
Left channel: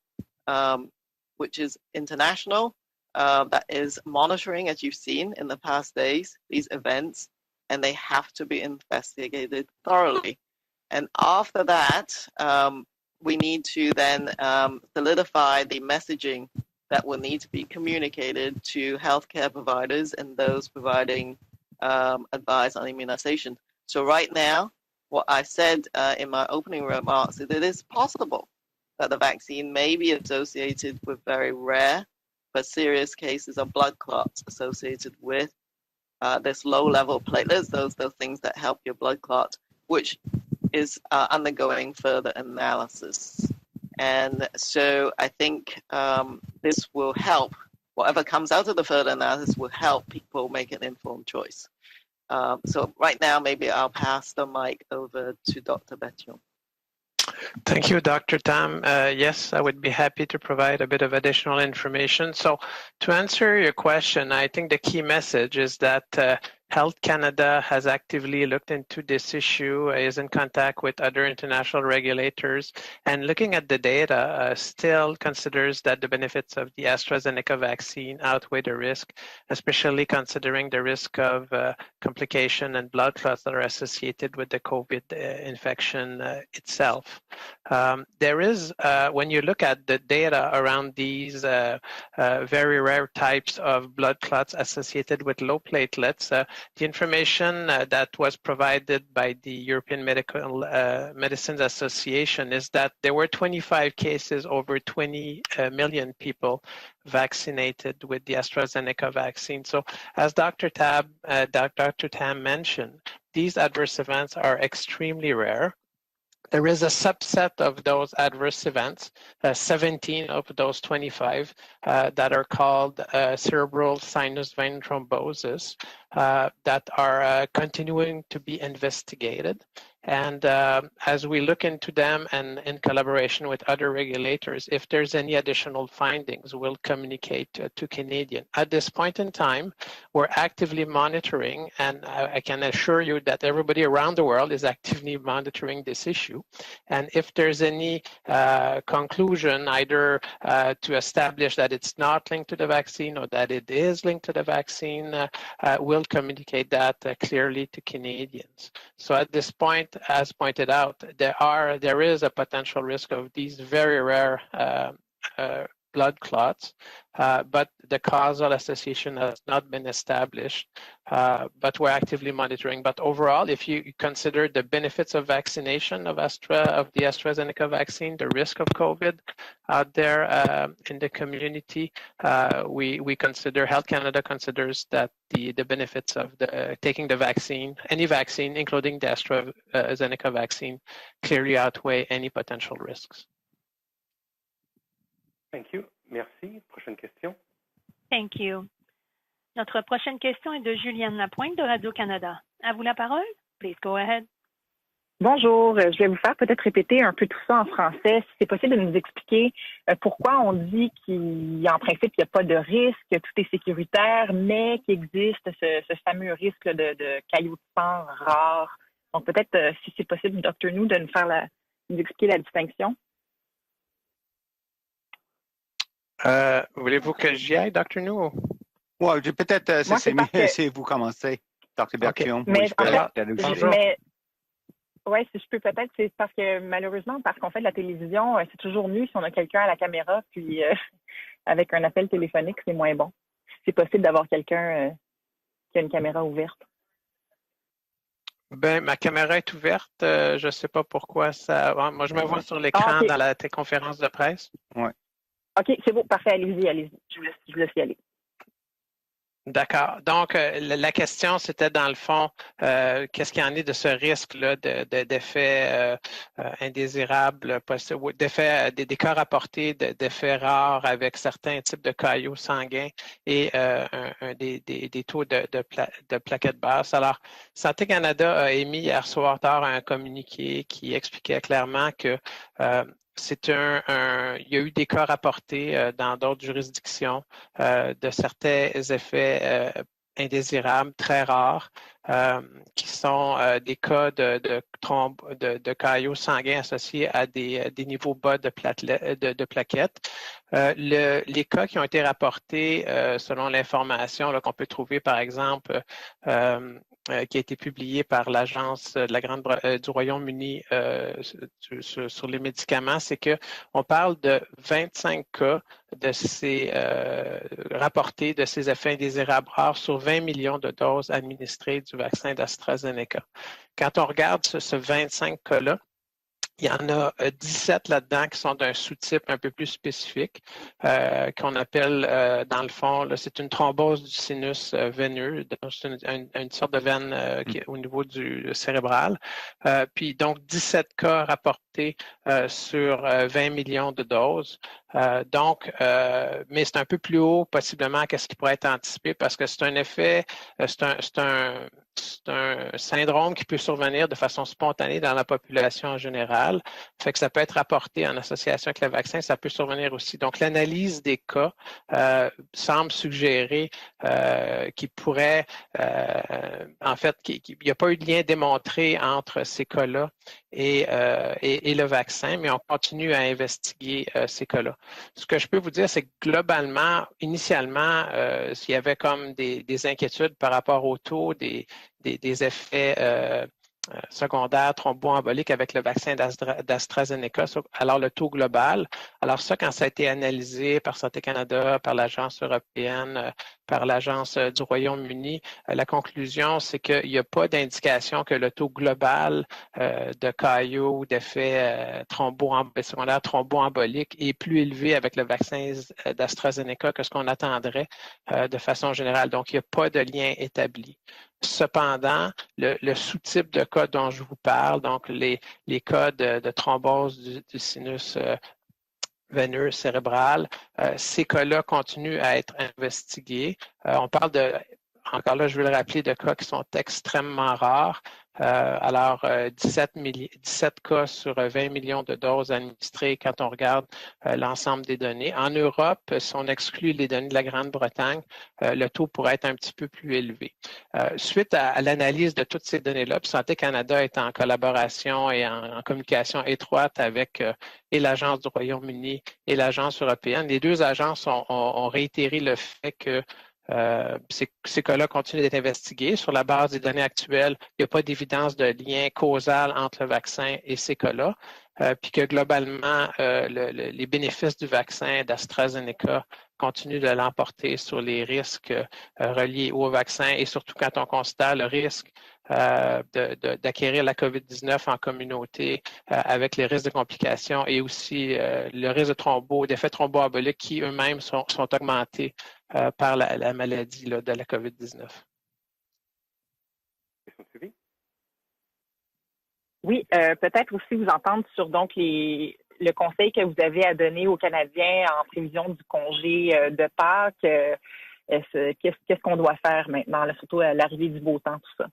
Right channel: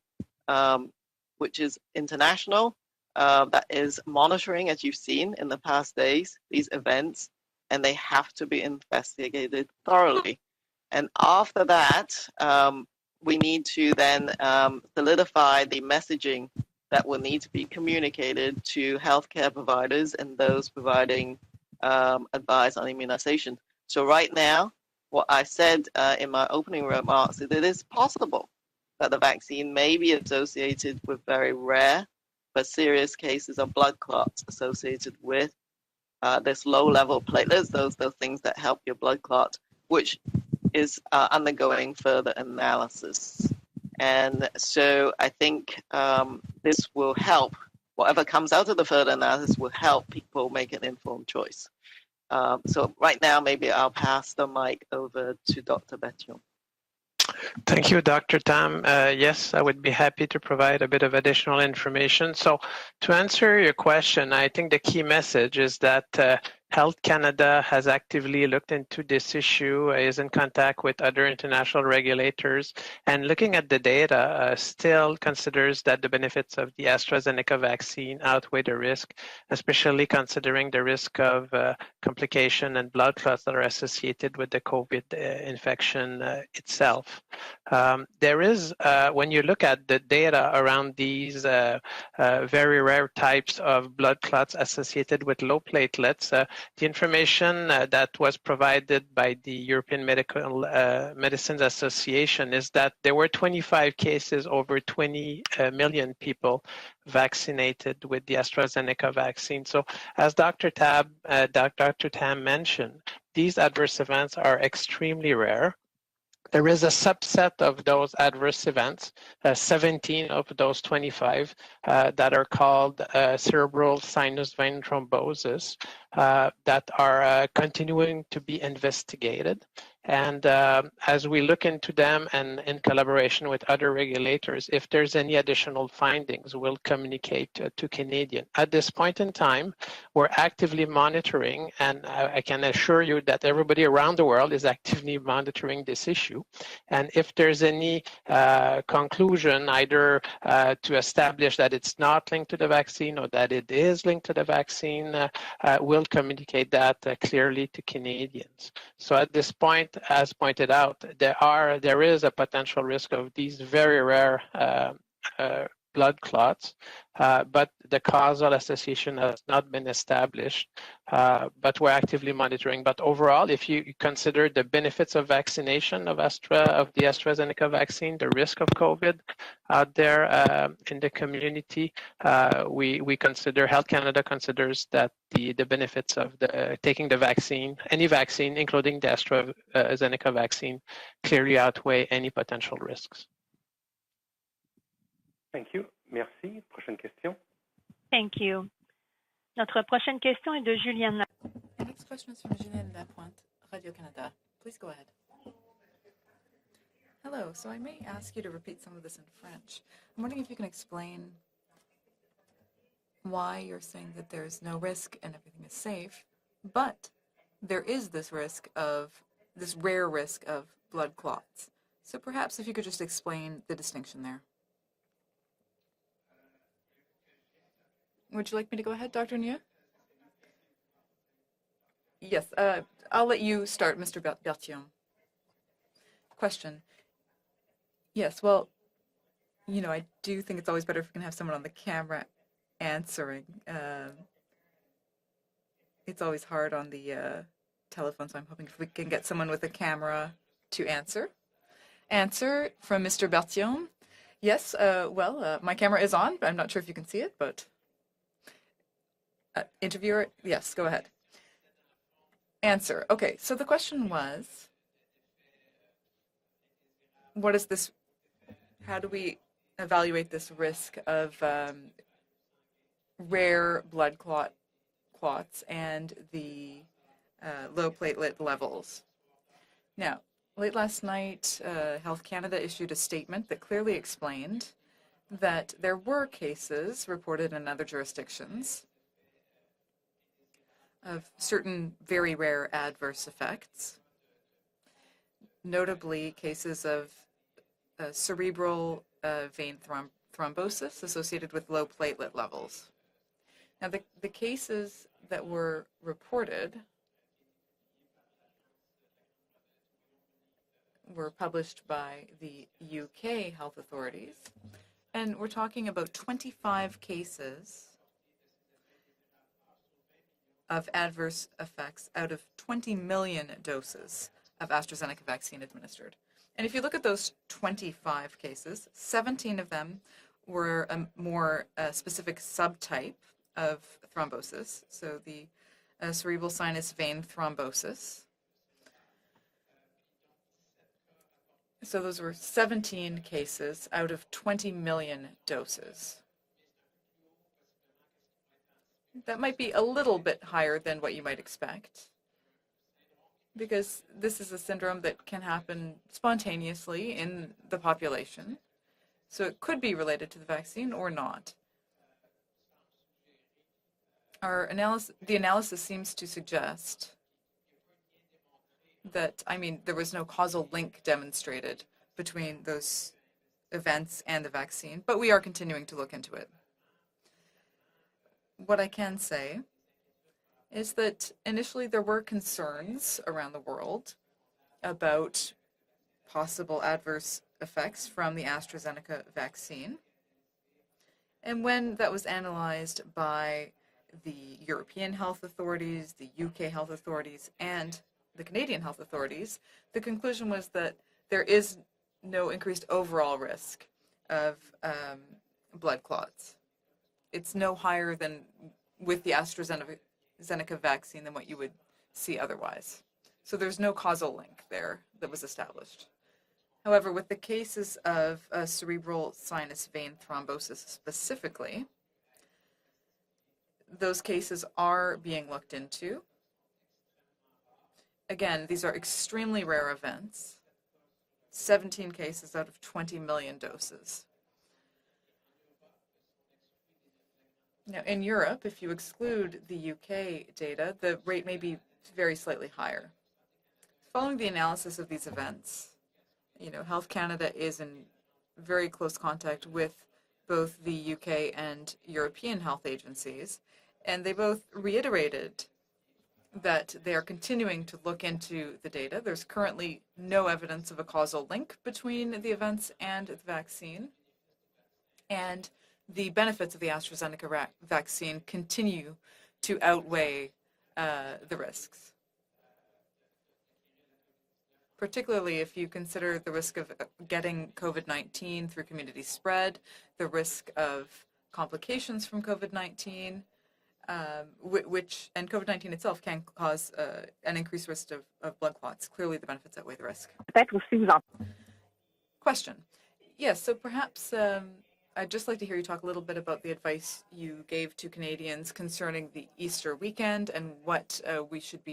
which is international that is monitoring, as you've seen in the past days, these events, and they have to be investigated thoroughly. And after that, we need to then solidify the messaging that will need to be communicated to healthcare providers and those providing advice on immunization. So right now, what I said in my opening remarks is that it is possible that the vaccine may be associated with very rare but serious cases of blood clots associated with this low-level platelets, those things that help your blood clot, which is undergoing further analysis. And so I think this will help, whatever comes out of the further analysis will help people make an informed choice. So right now, maybe I'll pass the mic over to Dr. Bethion. Thank you, Dr. Tam. Yes, I would be happy to provide a bit of additional information. So to answer your question, I think the key message is that Health Canada has actively looked into this issue, is in contact with other international regulators, and looking at the data, still considers that the benefits of the AstraZeneca vaccine outweigh the risk, especially considering the risk of complication and blood clots that are associated with the COVID infection itself. There is, when you look at the data around these very rare types of blood clots associated with low platelets, the information that was provided by the European Medicines Association is that there were 25 cases, over 20 million people vaccinated with the AstraZeneca vaccine. So as Dr. Tam mentioned, these adverse events are extremely rare. There is a subset of those adverse events, 17 of those 25, that are called cerebral sinus vein thrombosis, that are continuing to be investigated. And as we look into them and in collaboration with other regulators, if there's any additional findings, we'll communicate to Canadian. At this point in time, we're actively monitoring, and I can assure you that everybody around the world is actively monitoring this issue. And if there's any conclusion, either to establish that it's not linked to the vaccine or that it is linked to the vaccine, we'll communicate that clearly to Canadians. So at this point, as pointed out, there is a potential risk of these very rare blood clots, but the causal association has not been established, but we're actively monitoring. But overall, if you consider the benefits of vaccination of the AstraZeneca vaccine, the risk of COVID out there in the community, we consider, Health Canada considers that the benefits of taking the vaccine, any vaccine, including the AstraZeneca vaccine, clearly outweigh any potential risks. Thank you. Merci. Prochaine question. Thank you. Notre prochaine question est de Juliane Lapointe de Radio-Canada. À vous la parole. Please go ahead. Bonjour, je vais vous faire peut-être répéter un peu tout ça en français. Si c'est possible de nous expliquer pourquoi on dit qu'en principe, il n'y a pas de risque, que tout est sécuritaire, mais qu'il existe ce fameux risque de cailloux de sang rares. Donc peut-être, si c'est possible, Dr. New, de nous expliquer la distinction. Voulez-vous que j'y aille, Dr. New? Oui, peut-être c'est mieux si vous commencez, Dr. Berthiaume. Mais Mr. Berthiaume. Oui, si je peux peut-être, c'est parce que malheureusement, parce qu'on fait de la télévision, c'est toujours mieux si on a quelqu'un à la caméra, puis avec un appel téléphonique, c'est moins bon. C'est possible d'avoir quelqu'un qui a une caméra ouverte. Ben, ma caméra est ouverte. Je ne sais pas pourquoi ça. Moi, je me vois sur l'écran dans la conférence de presse. Yes, well, my camera is on. I'm not sure if you can see it, but... Je laisse y aller. D'accord. Donc, la question, c'était dans le fond, qu'est-ce qu'il y en est de ce risque-là d'effets indésirables, des cas rapportés d'effets rares avec certains types de caillots sanguins et des taux de plaquettes basses. Alors, Santé Canada a émis hier soir tard un communiqué qui expliquait clairement que il y a eu des cas rapportés dans d'autres juridictions de certains effets indésirables très rares qui sont des cas de caillots sanguins associés à des niveaux bas de plaquettes. Les cas qui ont été rapportés selon l'information qu'on peut trouver, par exemple, qui a été publié par l'Agence du Royaume-Uni sur les médicaments, c'est qu'on parle de 25 cas rapportés de ces effets indésirables rares sur 20 millions de doses administrées du vaccin d'AstraZeneca. Quand on regarde ce 25 cas-là, il y en a 17 là-dedans qui sont d'un sous-type un peu plus spécifique, qu'on appelle, dans le fond, c'est une thrombose du sinus veineux, c'est une sorte de veine qui est au niveau du cérébral. Puis donc, 17 cas rapportés sur 20 millions de doses. Mais c'est un peu plus haut, possiblement, qu'est-ce qui pourrait être anticipé, parce que c'est un effet, c'est un syndrome qui peut survenir de façon spontanée dans la population en général. Fait que ça peut être rapporté en association avec le vaccin, ça peut survenir aussi. Donc, l'analyse des cas semble suggérer qu'il pourrait, en fait, qu'il n'y a pas eu de lien démontré entre ces cas-là et le vaccin, mais on continue à investiguer ces cas-là. Ce que je peux vous dire, c'est que globalement, initialement, il y avait comme des inquiétudes par rapport au taux des effets secondaires thromboemboliques avec le vaccin d'AstraZeneca. Alors, le taux global, alors ça, quand ça a été analysé par Santé Canada, par l'Agence européenne, par l'Agence du Royaume-Uni, la conclusion, c'est qu'il n'y a pas d'indication que le taux global de caillots ou d'effets thromboemboliques est plus élevé avec le vaccin d'AstraZeneca que ce qu'on attendrait de façon générale. Donc, il n'y a pas de lien établi. Cependant, le sous-type de cas dont je vous parle, donc les cas de thrombose du sinus veineux cérébral, ces cas-là continuent à être investigués. On parle encore là, je veux le rappeler, de cas qui sont extrêmement rares. Alors, 17 cas sur 20 millions de doses administrées quand on regarde l'ensemble des données. En Europe, si on exclut les données de la Grande-Bretagne, le taux pourrait être un petit peu plus élevé. Suite à l'analyse de toutes ces données-là, Santé Canada est en collaboration et en communication étroite avec et l'Agence du Royaume-Uni et l'Agence européenne. Les deux agences ont réitéré le fait que ces cas-là continuent d'être investigués. Sur la base des données actuelles, il n'y a pas d'évidence de lien causal entre le vaccin et ces cas-là, puis que globalement, les bénéfices du vaccin d'AstraZeneca continuent de l'emporter sur les risques reliés au vaccin et surtout quand on considère le risque d'acquérir la COVID-19 en communauté avec les risques de complications et aussi le risque d'effets thromboemboliques qui eux-mêmes sont augmentés par la maladie de la COVID-19. Oui, peut-être aussi vous entendre sur donc le conseil que vous avez à donner aux Canadiens en prévision du congé de Pâques. Qu'est-ce qu'on doit faire maintenant, surtout à l'arrivée du beau temps, tout ça?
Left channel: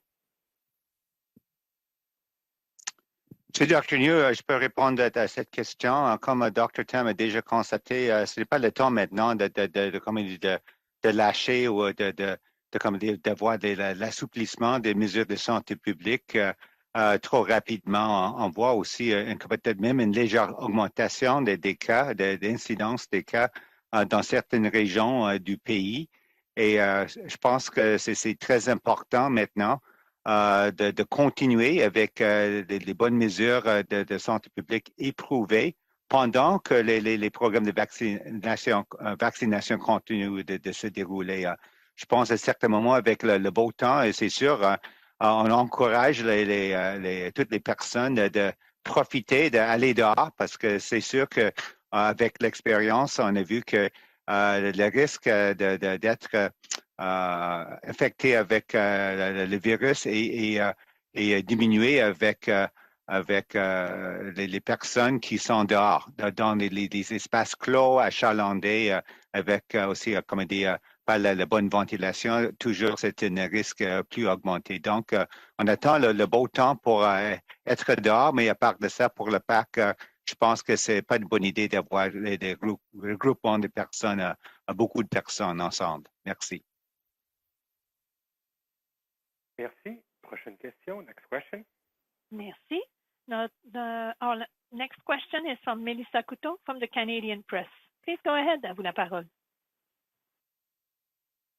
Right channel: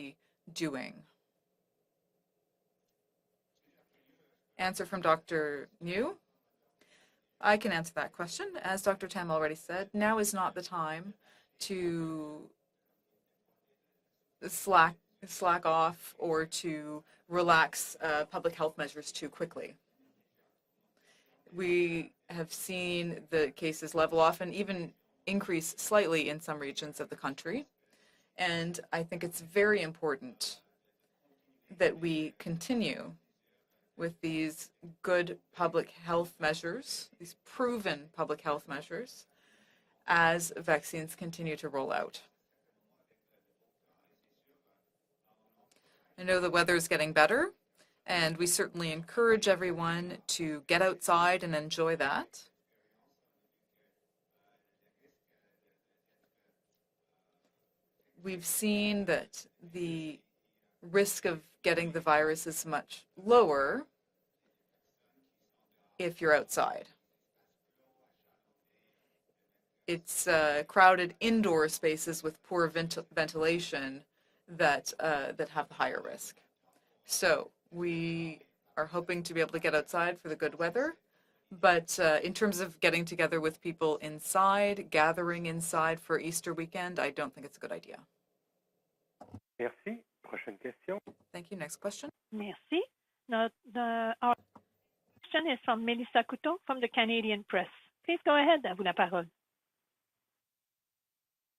Monsieur Dr. New, je peux répondre à cette question. Comme Dr. Tam a déjà constaté, ce n'est pas le temps maintenant de lâcher ou d'avoir l'assouplissement des mesures de santé publique trop rapidement. On voit aussi peut-être même une légère augmentation des cas, d'incidence des cas dans certaines régions du pays. Et je pense que c'est très important maintenant de continuer avec des bonnes mesures de santé publique éprouvées pendant que les programmes de vaccination continuent de se dérouler. Je pense à certains moments avec le beau temps, et c'est sûr, on encourage toutes les personnes de profiter, d'aller dehors, parce que c'est sûr qu'avec l'expérience, on a vu que le risque d'être infectés avec le virus et diminuer avec les personnes qui sont dehors, dans les espaces clos, achalandés, avec aussi pas la bonne ventilation. Toujours, c'est un risque plus augmenté. Donc, on attend le beau temps pour être dehors, mais à part de ça, pour le parc, je pense que c'est pas une bonne idée d'avoir des groupements de personnes, beaucoup de personnes ensemble. Merci. Merci. Prochaine question. Next question. Next question. Merci. Our next question is from Melissa Couteau from the Canadian Press. Please go ahead. À vous la parole.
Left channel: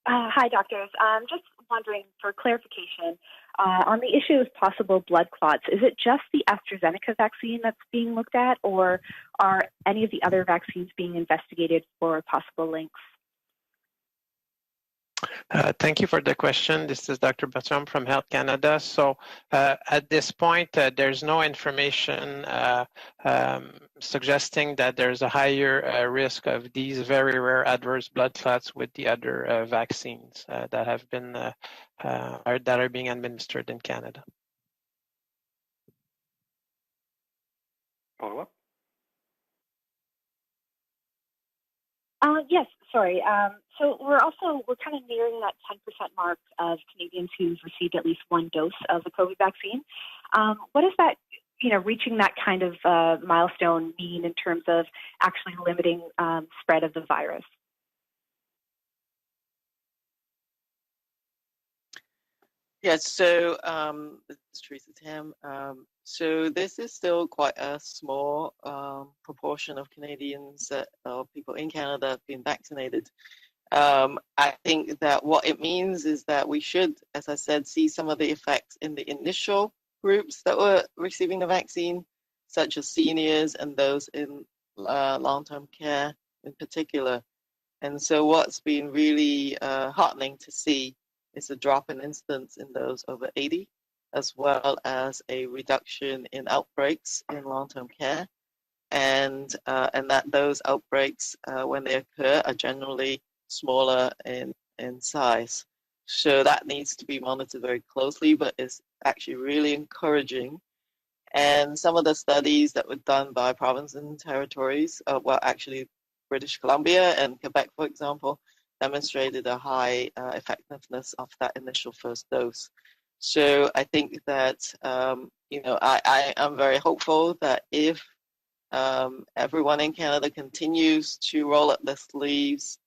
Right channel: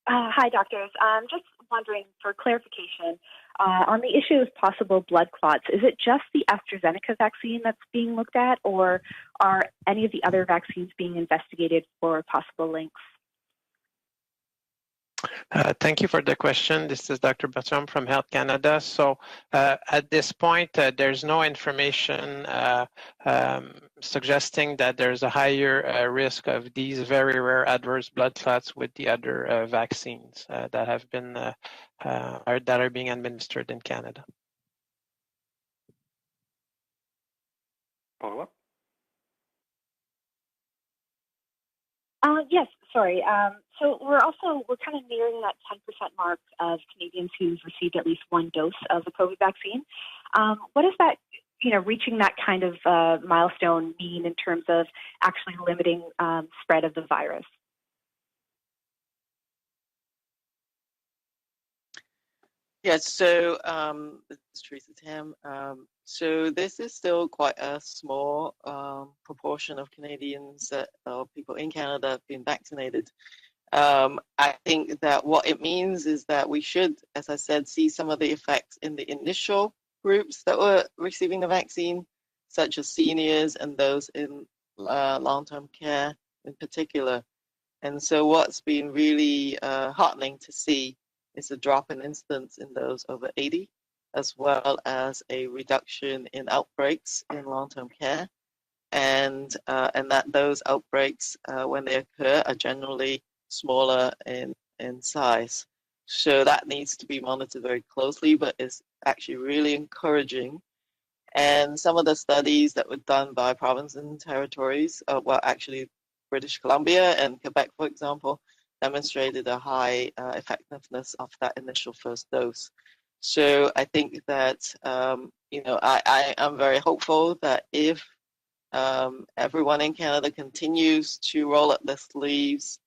Hi, doctors. I'm just wondering for clarification on the issue of possible blood clots. Is it just the AstraZeneca vaccine that's being looked at, or are any of the other vaccines being investigated for possible links? Thank you for the question. This is Dr. Bertium from Health Canada. So at this point, there's no information suggesting that there's a higher risk of these very rare adverse blood clots with the other vaccines that have been that are being administered in Canada. Follow-up? Yes, sorry. So we're kind of nearing that 10% mark of Canadians who've received at least one dose of the COVID vaccine. What does that, reaching that kind of milestone mean in terms of actually limiting spread of the virus? Yes, so this is Teresa Tam. So this is still quite a small proportion of Canadians people in Canada have been vaccinated. I think that what it means is that we should, as I said, see some of the effects in the initial groups that were receiving the vaccine, such as seniors and those in long-term care in particular. And so what's been really heartening to see is a drop in incidence in those over 80, as well as a reduction in outbreaks in long-term care, and that those outbreaks, when they occur, are generally smaller in size. So that needs to be monitored very closely, but it's actually really encouraging. And some of the studies that were done by provinces and territories, actually British Columbia and Quebec, for example, demonstrated a high effectiveness of that initial first dose. So I think that, I am very hopeful that if everyone in Canada continues to roll up their sleeves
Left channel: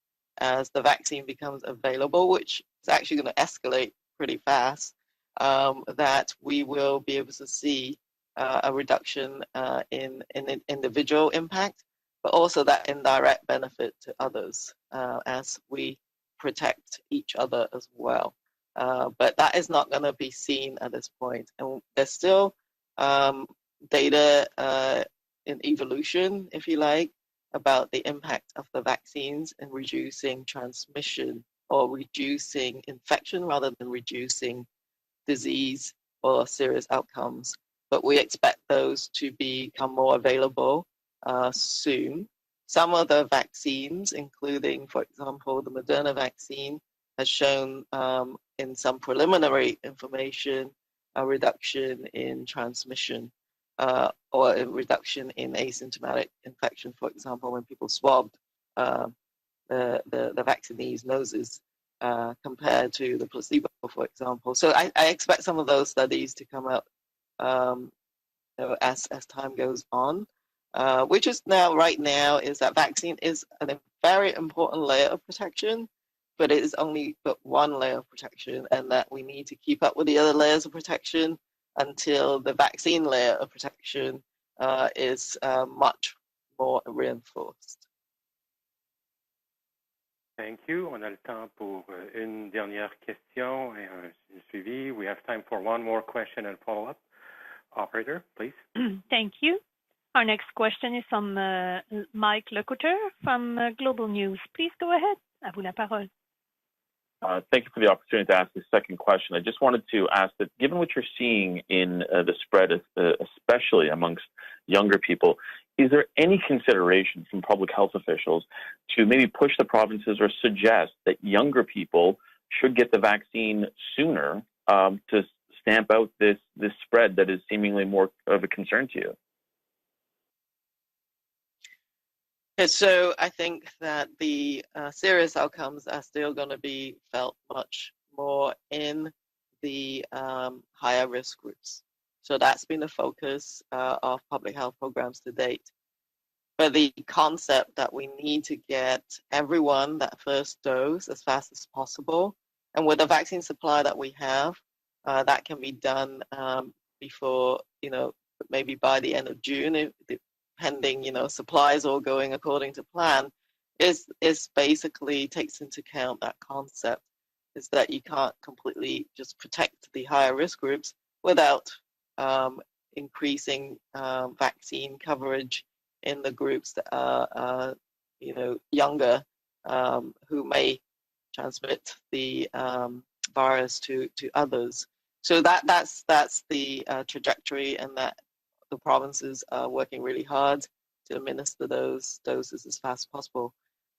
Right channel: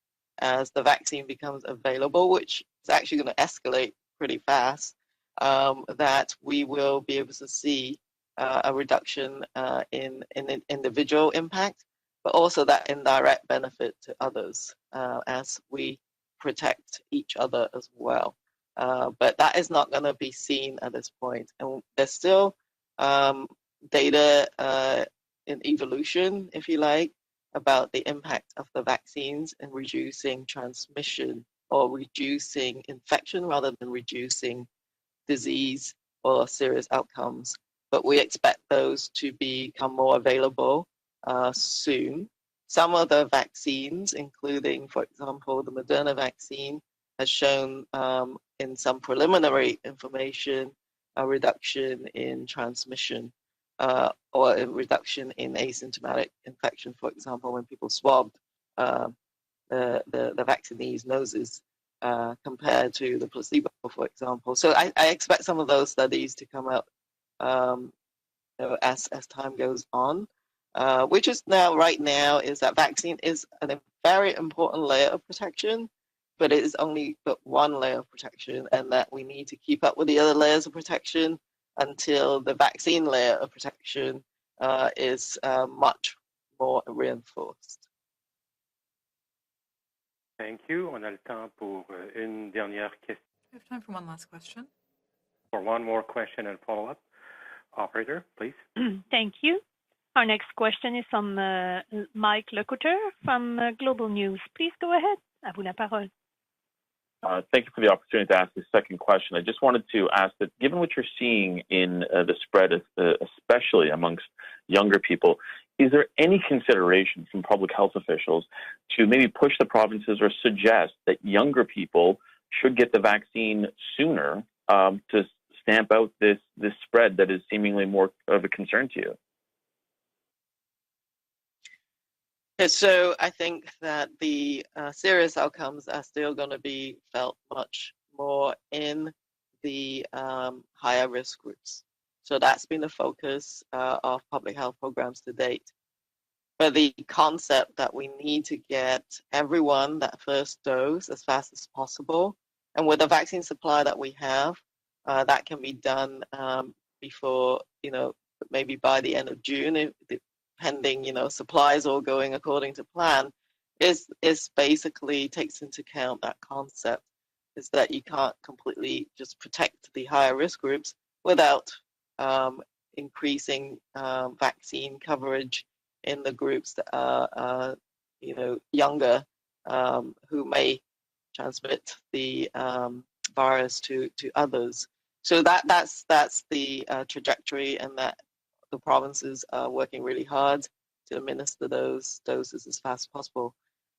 as the vaccine becomes available, which is actually going to escalate pretty fast, that we will be able to see a reduction in individual impact, but also that indirect benefit to others as we protect each other as well. But that is not going to be seen at this point. And there's still data in evolution, if you like, about the impact of the vaccines in reducing transmission or reducing infection rather than reducing disease or serious outcomes. But we expect those to become more available soon. Some of the vaccines, including, for example, the Moderna vaccine, has shown in some preliminary information a reduction in transmission or a reduction in asymptomatic infection, for example, when people swabbed the vaccinees' noses compared to the placebo, for example. So I expect some of those studies to come out as time goes on. Which is right now is that vaccine is a very important layer of protection, but it is only but one layer of protection, and that we need to keep up with the other layers of protection until the vaccine layer of protection is much more reinforced. Thank you. On a le temps pour une dernière question. One last question. We have time for one more question and follow-up. Operator, please. Thank you. Our next question is from Mike Lecouteur from Global News. Please go ahead. À vous la parole. Thank you for the opportunity to ask this second question. I just wanted to ask that, given what you're seeing in the spread, especially amongst younger people, is there any consideration from public health officials to maybe push the provinces or suggest that younger people should get the vaccine sooner to stamp out this spread that is seemingly more of a concern to you? Yeah, so I think that the serious outcomes are still going to be felt much more in the higher risk groups. So that's been the focus of public health programs to date. But the concept that we need to get everyone that first dose as fast as possible, and with the vaccine supply that we have, that can be done before, maybe by the end of June, pending, supplies all going according to plan, is basically takes into account that concept, is that you can't completely just protect the higher risk groups without increasing vaccine coverage in the groups that are younger, who may transmit the virus to others. So that's the trajectory, and that the provinces are working really hard to administer those doses as fast as possible.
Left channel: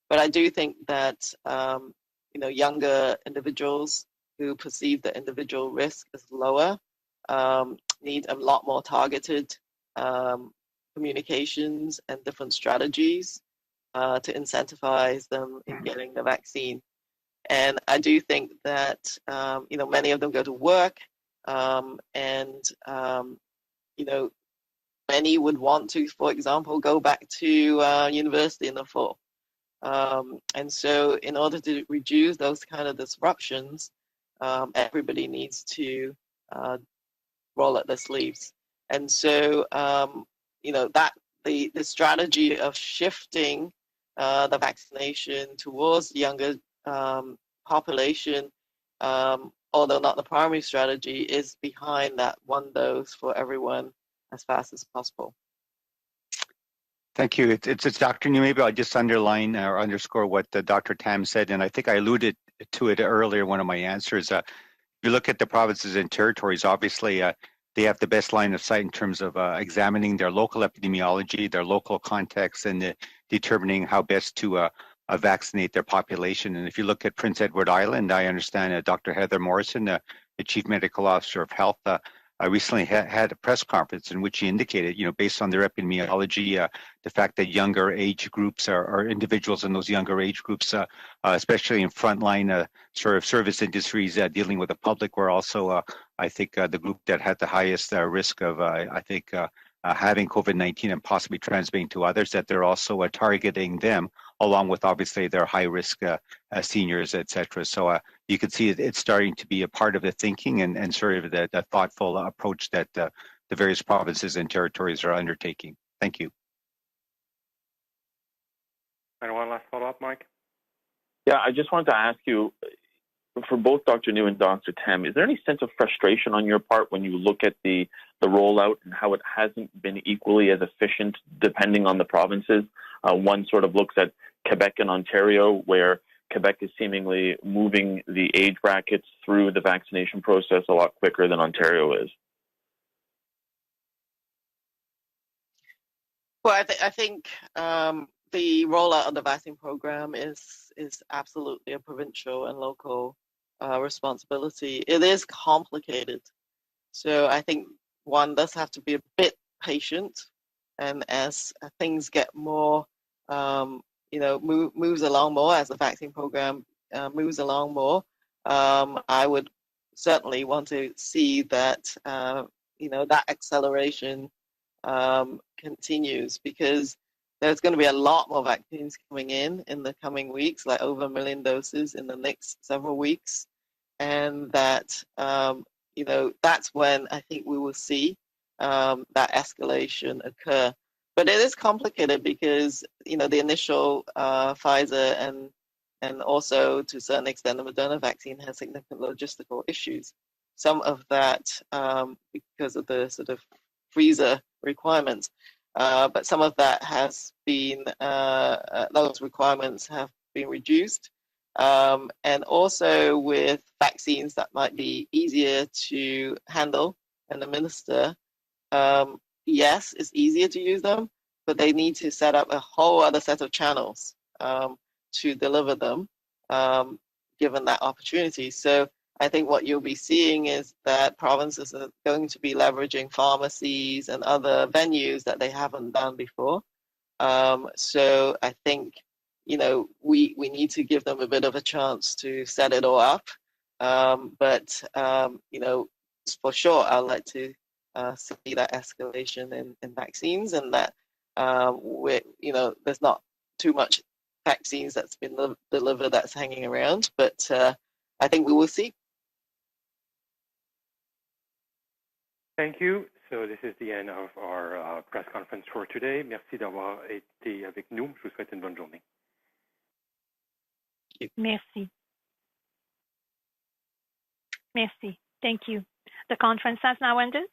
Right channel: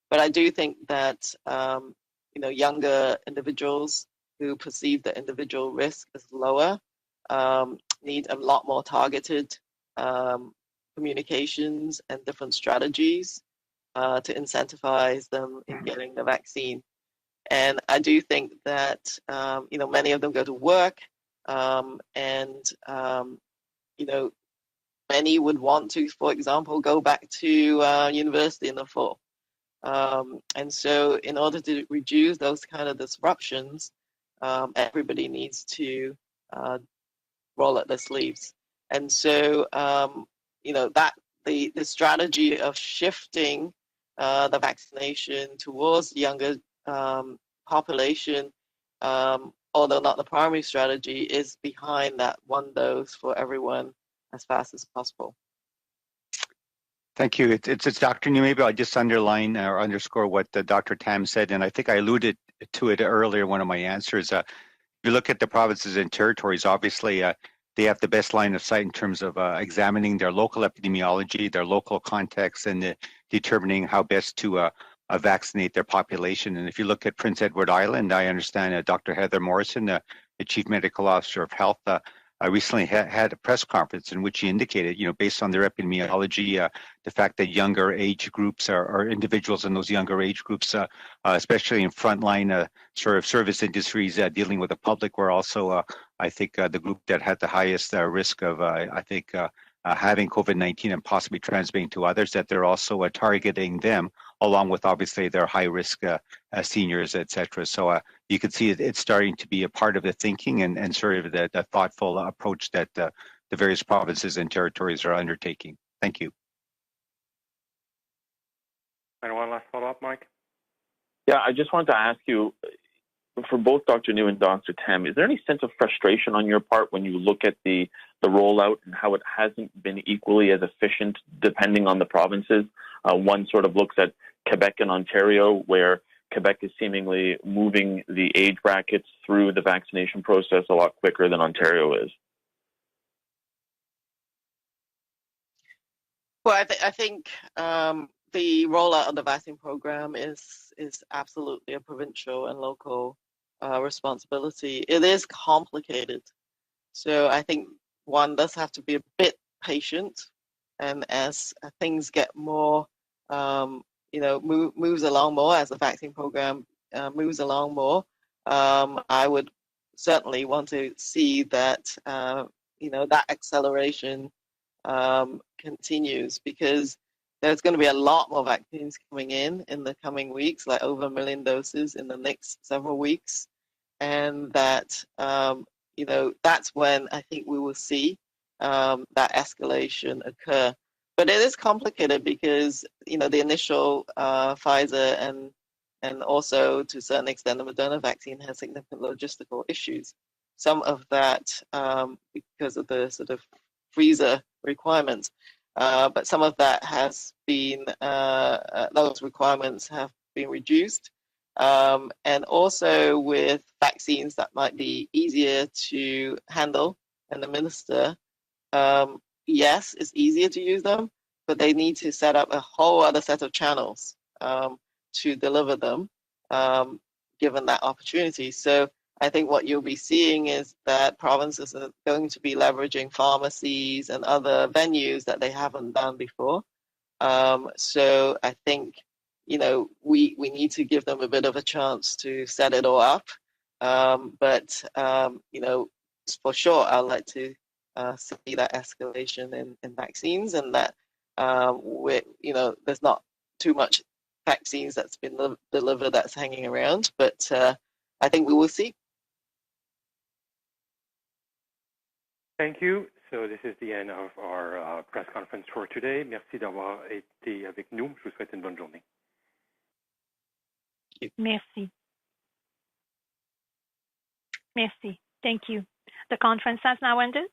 But I do think that younger individuals who perceive the individual risk as lower need a lot more targeted communications and different strategies to incentivize them in getting the vaccine. And I do think that many of them go to work, and many would want to, for example, go back to university in the fall. And so in order to reduce those kind of disruptions, everybody needs to roll up their sleeves. And so, that the strategy of shifting the vaccination towards younger population, although not the primary strategy, is behind that one dose for everyone as fast as possible. Thank you. It's Dr. New. Maybe I'll just underline or underscore what Dr. Tam said, and I think I alluded to it earlier in one of my answers. If you look at the provinces and territories, obviously they have the best line of sight in terms of examining their local epidemiology, their local context, and determining how best to vaccinate their population. And if you look at Prince Edward Island, I understand Dr. Heather Morrison, the Chief Medical Officer of Health, recently had a press conference in which she indicated, based on their epidemiology, the fact that younger age groups or individuals in those younger age groups, especially in frontline sort of service industries dealing with the public, were also, I think, the group that had the highest risk of, having COVID-19 and possibly transmitting to others, that they're also targeting them, along with obviously their high-risk seniors, et cetera. So you can see it's starting to be a part of the thinking and sort of the thoughtful approach that the various provinces and territories are undertaking. Thank you. And one last follow-up, Mike? Yeah, I just wanted to ask you, for both Dr. New and Dr. Tam, is there any sense of frustration on your part when you look at the rollout and how it hasn't been equally as efficient depending on the provinces? One sort of looks at Quebec and Ontario, where Quebec is seemingly moving the age brackets through the vaccination process a lot quicker than Ontario is. Well, I think the rollout of the vaccine program is absolutely a provincial and local responsibility. It is complicated, so I think one does have to be a bit patient, and as things get more, moves along more, as the vaccine program moves along more, I would certainly want to see that that acceleration continues, because there's going to be a lot more vaccines coming in the coming weeks, like over 1 million doses in the next several weeks. And that, that's when I think we will see that escalation occur. But it is complicated because, the initial Pfizer and also to a certain extent the Moderna vaccine has significant logistical issues. Some of that because of the sort of freezer requirements. But some of that has been, those requirements have been reduced. And also with vaccines that might be easier to handle and administer, yes, it's easier to use them, but they need to set up a whole other set of channels to deliver them given that opportunity. So I think what you'll be seeing is that provinces are going to be leveraging pharmacies and other venues that they haven't done before. So I think, you know, we need to give them a bit of a chance to set it all up. But you know, for sure, I'd like to see that escalation in vaccines, and that you know, there's not too much vaccines that's been delivered that's hanging around, but I think we will see. Thank you. So this is the end of our press conference for today. Merci d'avoir été avec nous. Je vous souhaite une bonne journée. Merci. Merci. Thank you. The conference has now ended.